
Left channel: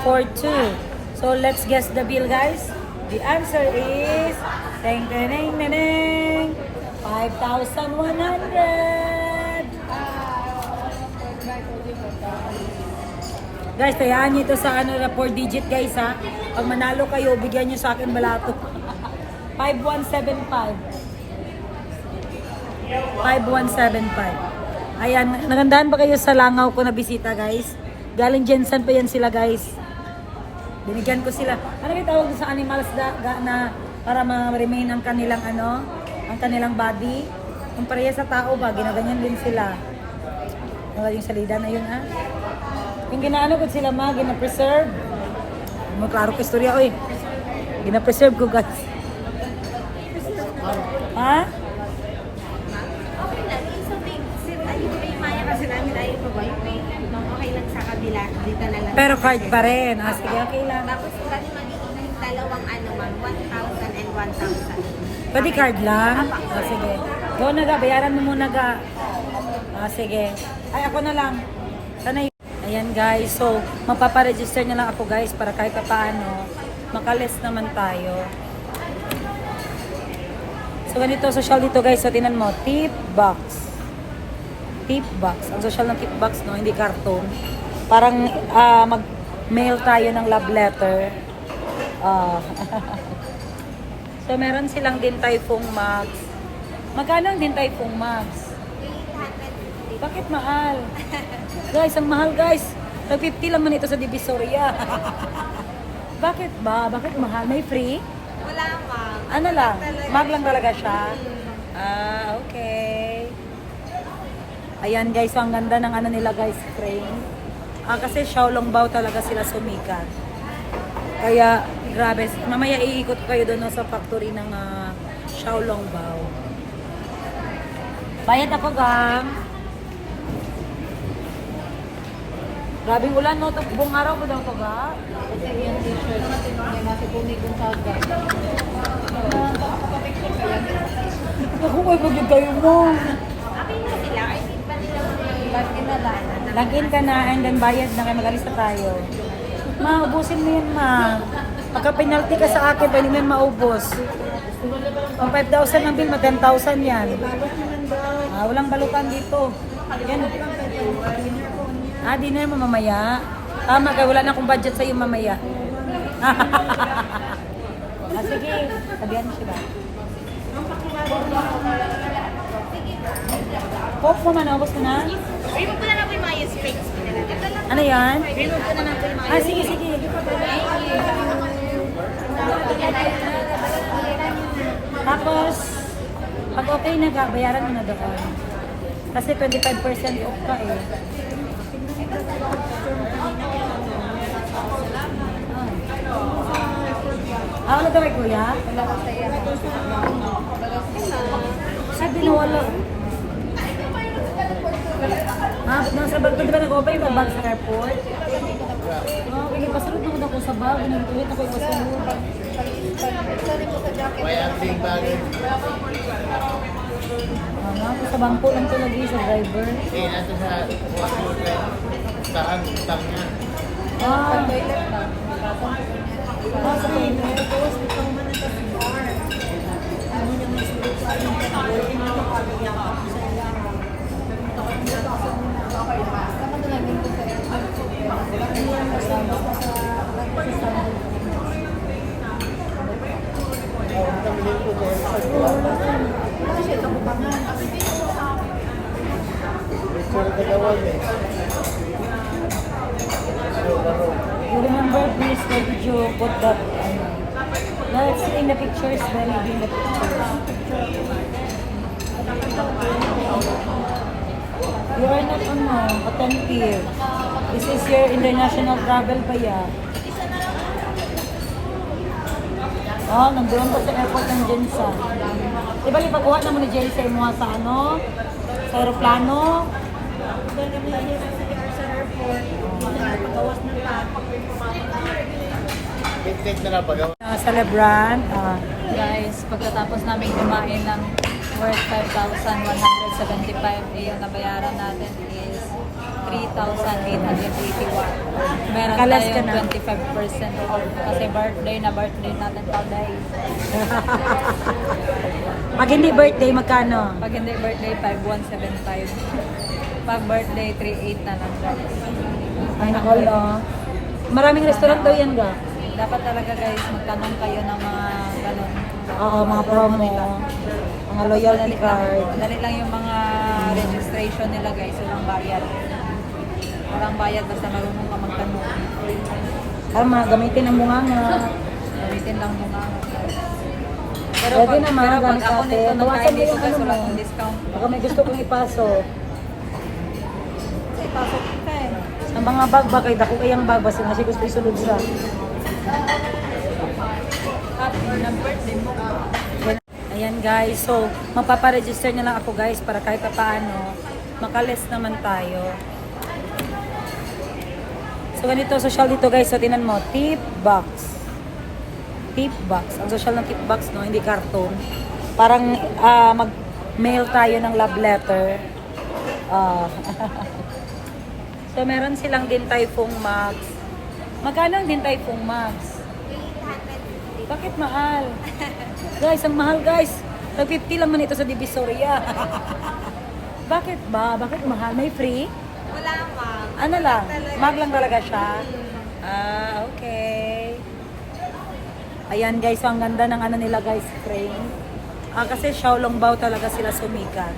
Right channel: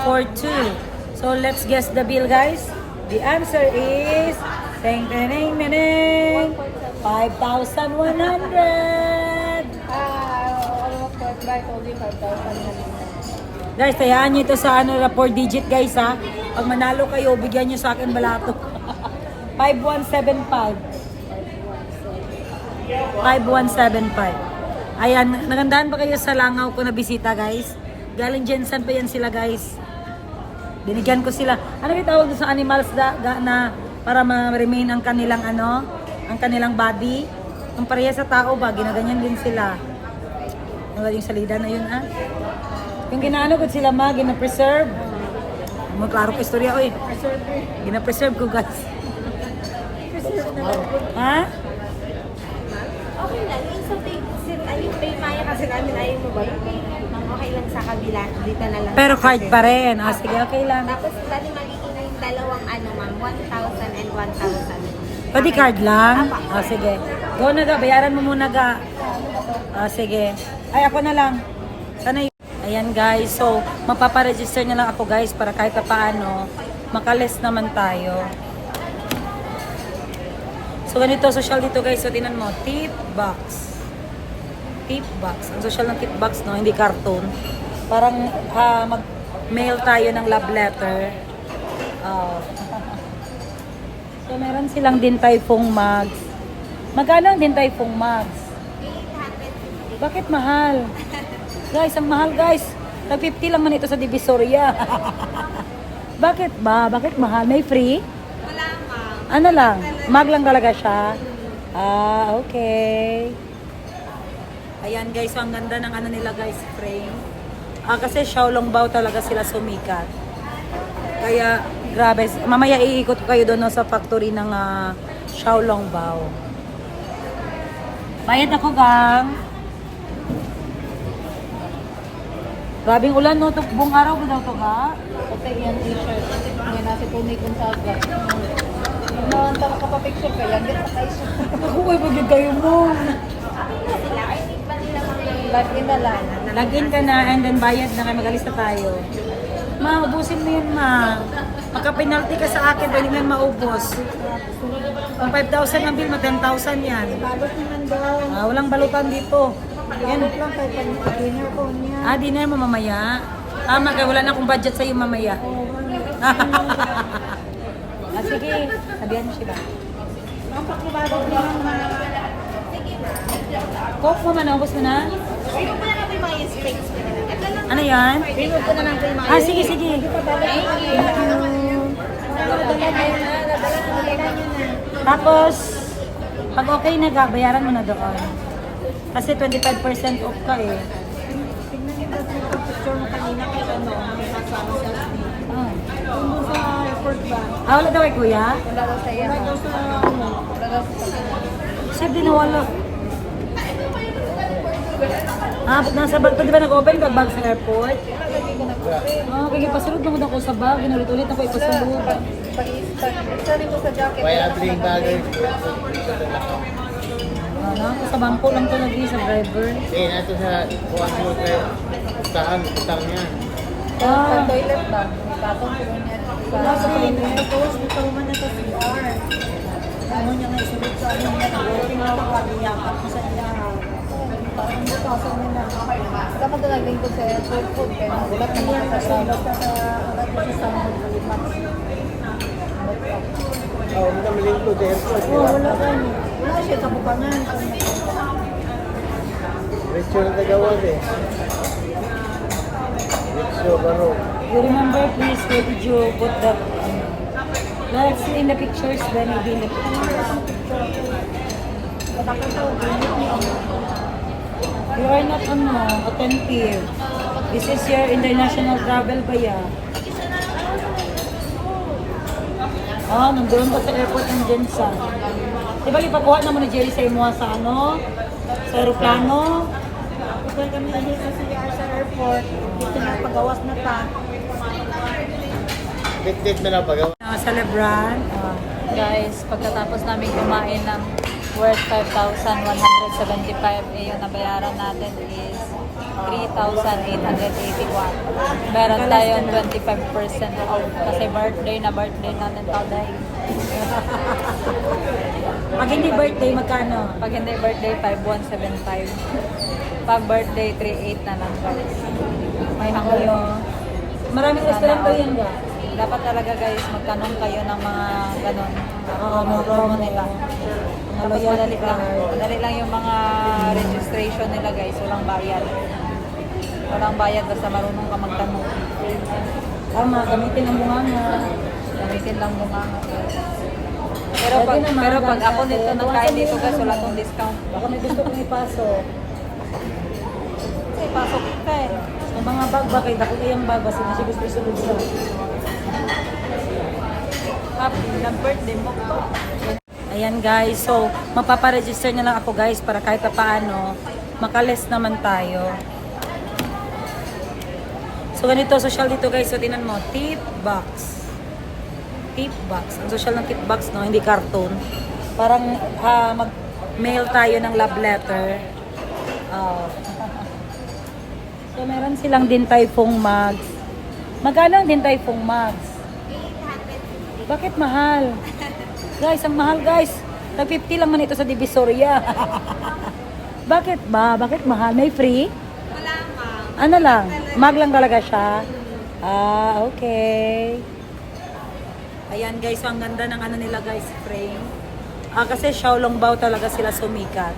4.2. So, let's guess the bill, guys. The answer is... Ding, ding, ding, ding, ding. 5,100. Guys, tayaan nyo ito sa 4 digit guys ha. Pag manalo kayo, bigyan nyo sa akin balato. 5175. 5175. Ayan, nagandahan ba kayo sa langaw ko na bisita guys? Galing Jensen pa yan sila guys. Binigyan ko sila. Ano may tawag sa animals na para ma-remain ang kanilang ang kanilang body? Ang pareha sa tao ba, ginaganyan din sila. Yung salida na yun ha. Yung ginaano ko sila gina-preserve. Magklaro ko istorya oy. Gina-preserve ko guys. Ha? Pero card pa rin. Sige, okay lang. Tapos magiging dalawang ma'am, 1,000 and 1,000. Pwede card lang? Sige. Go na ga, bayaran mo muna ga. Sige. Ay, ako na lang. Sana ayan guys, so mapaparegister na lang ako guys para kahit paano makalist naman tayo. So ganito social dito guys, so tinan mo, tip box. Tip box. Ang social ng tip box no, hindi karton. Parang mag-mail tayo ng love letter. So meron silang din typhoon mugs. Magkano ang din typhoon mugs? 850. Bakit mahal? Guys, ang mahal guys. Tag-50 lang man ito sa Divisoria. Bakit ba? Bakit mahal? May free? Wala ma'am. Ano lang? Mag lang talaga siya. Okay. Ayan guys, so ang ganda ng nila guys, frame. Kasi Xiaolongbao talaga sila sumikat. Kaya, grabe. Mamaya iikot ko kayo doon sa factory ng Xiaolongbao. Bayad ako, gang. Grabing ulan no, buong araw ba daw ito ga? Ito yung t-shirt. May nasa tinig yung sa akin. Ako kayo pagod kayo mo. Okay na sila. I think login na lang. Login ka na and then bayad na kayo, mag-alis na tayo. Ma, ubusin mo yan ma. Pagka-penalty ka sa akin, pwede mo yan maubos. Ang 5,000 ang bill, mag 10,000 yan. Balot naman daw. Walang balutan dito. Yan. Dinner mo mamaya. Tama kaya wala na akong budget sa'yo mamaya. Sige, sabihan mo siya ba? Coke mo man, naubos mo na? Remove ko na lang yung mga sprays ko na lang. Ano yan? Remove ko na lang yung Sige, sige. Tapos, pag okay na ga, bayaran mo na doon. Kasi 25% off ka eh. Wala daw kay kuya? Sabi na wala. Nasa bag pa, di ba nag-open yung bag sa airport? Kaya pasulod naman ako sa bag. Ulit ako ipasulod. May ating bagay. Ako sa bangko lang to lagi sa driver. Nato sa saan tao niya. Sa toilet. Picture na gawad eh. So, ano? You remember, please, where did you put that? Let's see in the pictures, then maybe in the pictures. You are not attentive. This is your international travel ba ya? Oh, nandoon pa sa airport ng Jensen. Diba ipakuha naman ni Jerry sa imo sa sa aeroplano? Bit-bit na lang pagawa. Sa Lebron. Guys, pagkatapos namin kumain ng worth 5,175, yung nabayaran natin is 3,881. Meron Nakalas ka tayong na. 25% off kasi birthday natin today. Pag hindi birthday, magkano? Pag hindi birthday, 5,175. Pag birthday, 3,800 na lang guys. Ay, ako yung... Maraming restaurant daw yan ga. Dapat talaga guys, magtanong kayo ng mga ganon. Oo, Promo nila. Tapos loyalty madali lang. card. Madali lang yung mga registration nila guys. Walang bayad. Walang bayad basta marunong ka magtanong. Tama, gamitin ang bunga nga. Gamitin lang mo nga guys. Pero Pwede pag, naman, pero pag ganun ako kasi. nito nagkain dito guys, wala tong discount. Baka may gusto kong ipasok. Ay, pasok ka eh. Ang mga bag ba kay dako yung bag basta na siya gusto isulog siya. Happy na birthday mo pa. Ayan guys, so mapaparegister na lang ako guys para kahit pa paano makaless naman tayo. So ganito social dito guys, so tinan mo, tip box. Tip box. Ang social ng tip box no, hindi karton. Parang mag-mail tayo ng love letter. So meron silang din typhoon mugs. Magkano ang din typhoon mugs? 850. Bakit mahal? Guys, ang mahal guys. Tag 50 lang man ito sa Divisoria. Bakit ba? Bakit mahal? May free? Wala pa. Ano lang? Mag lang talaga siya. Ah, okay. Ayan guys, so ang ganda ng ano nila guys, frame. Kasi Xiaolongbao talaga sila sumikat.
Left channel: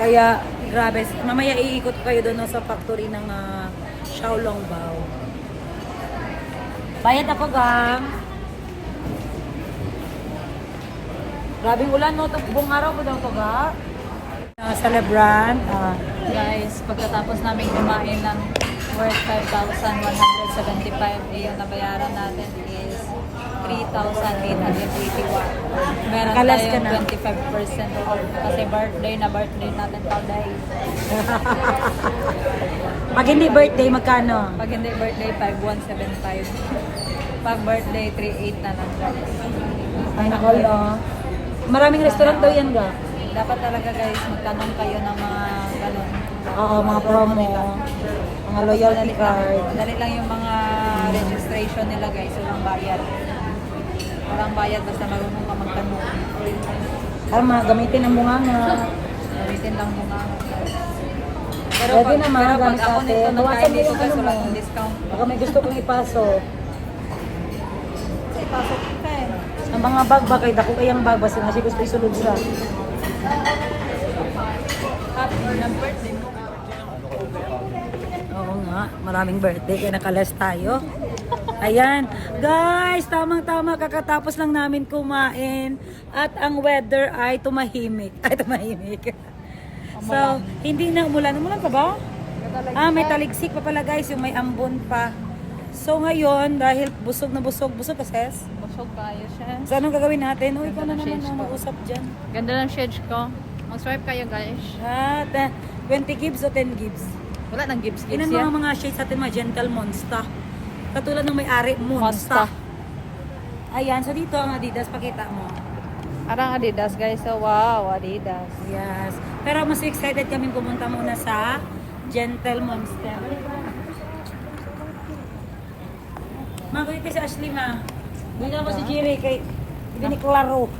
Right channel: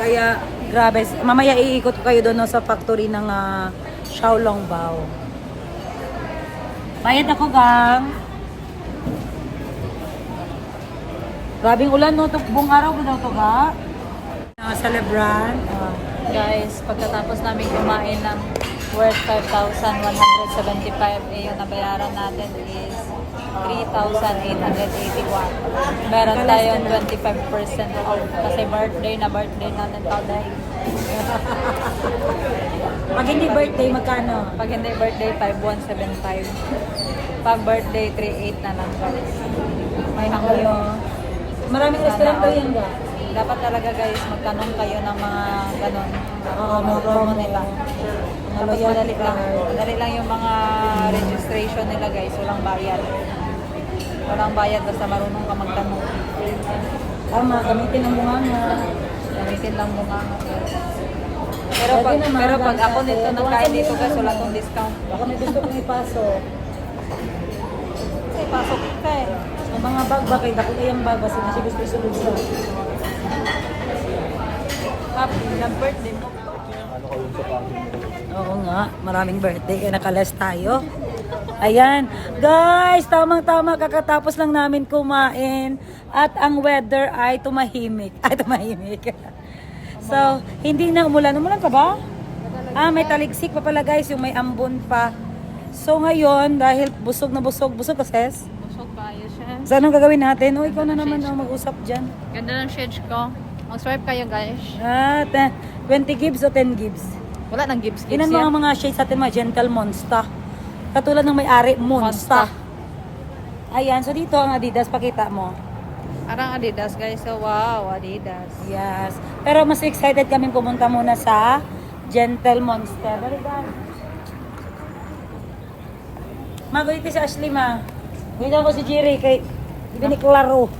Kaya, grabe. Mamaya iikot ko kayo doon no, sa factory ng Xiaolongbao. Bayad ako, gang. Grabing ulan, no? Buong araw ba daw ito, ga? Sa Lebron. Guys, pagkatapos namin kumain ng worth 5,175, yung nabayaran natin is 3,881. Meron Nakalas ka tayong na. 25% off kasi birthday natin today. Pag hindi birthday, magkano? Pag hindi birthday, 5,175. Pag birthday, 3,800 na lang guys. Ay, ako yung... Maraming restaurant daw yan, ga? Dapat talaga guys, magtanong kayo ng mga ganon. Oo, Promo nila. Tapos loyalty madali lang. card. Madali lang yung mga registration nila guys. Walang bayad. Walang bayad basta marunong ka magtanong. Tama, gamitin ang bunga nga. Gamitin lang mo nga guys. Pero Pwede pag, naman, pero pag ganun ako kasi. nito nagkain dito guys, wala tong discount. Baka may gusto kong ipasok. Ay, pasok ka eh. Ang mga bag ba kay dako yung bag basta na siya gusto isulog siya. Happy na birthday mo. Oo nga, maraming birthday kaya nakales tayo. Ayan, guys, tamang-tama kakatapos lang namin kumain at ang weather ay tumahimik. Ay, tumahimik. So, hindi na umulan. Umulan pa ba? May taligsik pa pala guys, yung may ambon pa. So ngayon, dahil busog na busog ka sis? Busog kayo siya. So anong gagawin natin? O, ikaw na naman ang mag-usap dyan. Ganda ng shades ko. Mag-swipe kayo guys. 20 gives o 10 gives? Wala nang gives Yun ang mga shades sa ating mga gentle monster. Katulad ng may-ari, monster. Ayan, so dito ang Adidas, pakita mo. Arang Adidas guys. So wow, Adidas. Yes. Pero mas excited kami pumunta muna sa Gentle Monster. Pero guys, magulit ko si Ashley ma. Ganyan ko si Jerry kay Ibiniklaro.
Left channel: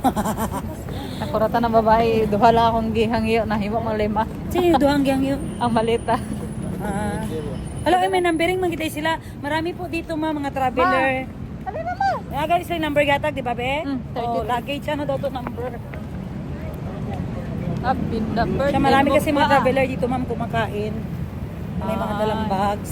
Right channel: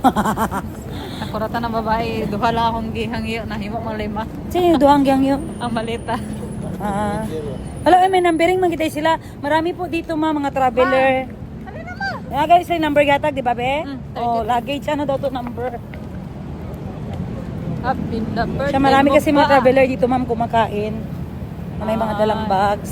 Nakuratan ng babae, duha lang akong gihangyo na himo mga lima. Sino yung duhang gyang yun? Ang malita. Ah. Hello, may numbering magkita sila. Marami po dito mga traveler. Ano naman? Mga guys, may number gatag, di ba be? 30. Oh, luggage, ano daw to number? Happy the birthday Siya, marami mo kasi pa. mga traveler dito ma'am kumakain. May mga dalang bags.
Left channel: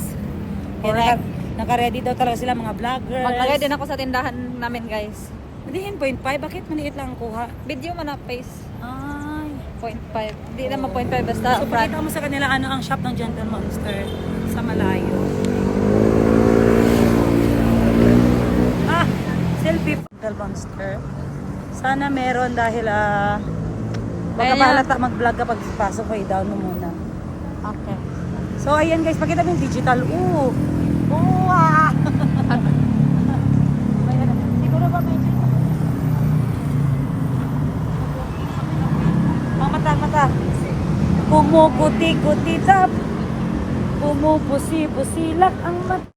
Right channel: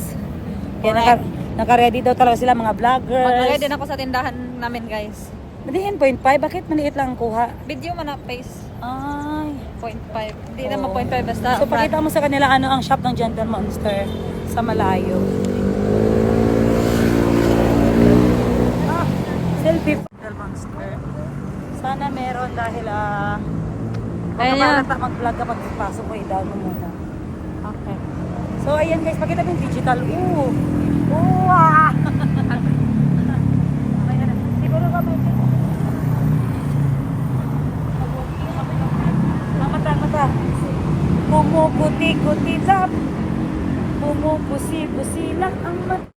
Kaya Correct. naka-ready daw talaga sila mga vloggers. Maglagay din ako sa tindahan namin guys. Hindi 0.5, bakit maliit lang ang kuha? Video man na face. Ay. 0.5. Hindi Oo. naman 0.5 basta So front. pakita mo sa kanila ano ang shop ng Gentle Monster sa malayo. Ah, selfie. Gentle Monster. Sana meron dahil Ayan yan. mag-vlog kapag kaso ko i-down mo muna. Okay. So ayan guys, pakita mo yung digital. Ooh. Wow! Ayan. Siguro kami. Mamatama ka. Pumuputi-puti lap. Pumupusi-pusilak ang mata.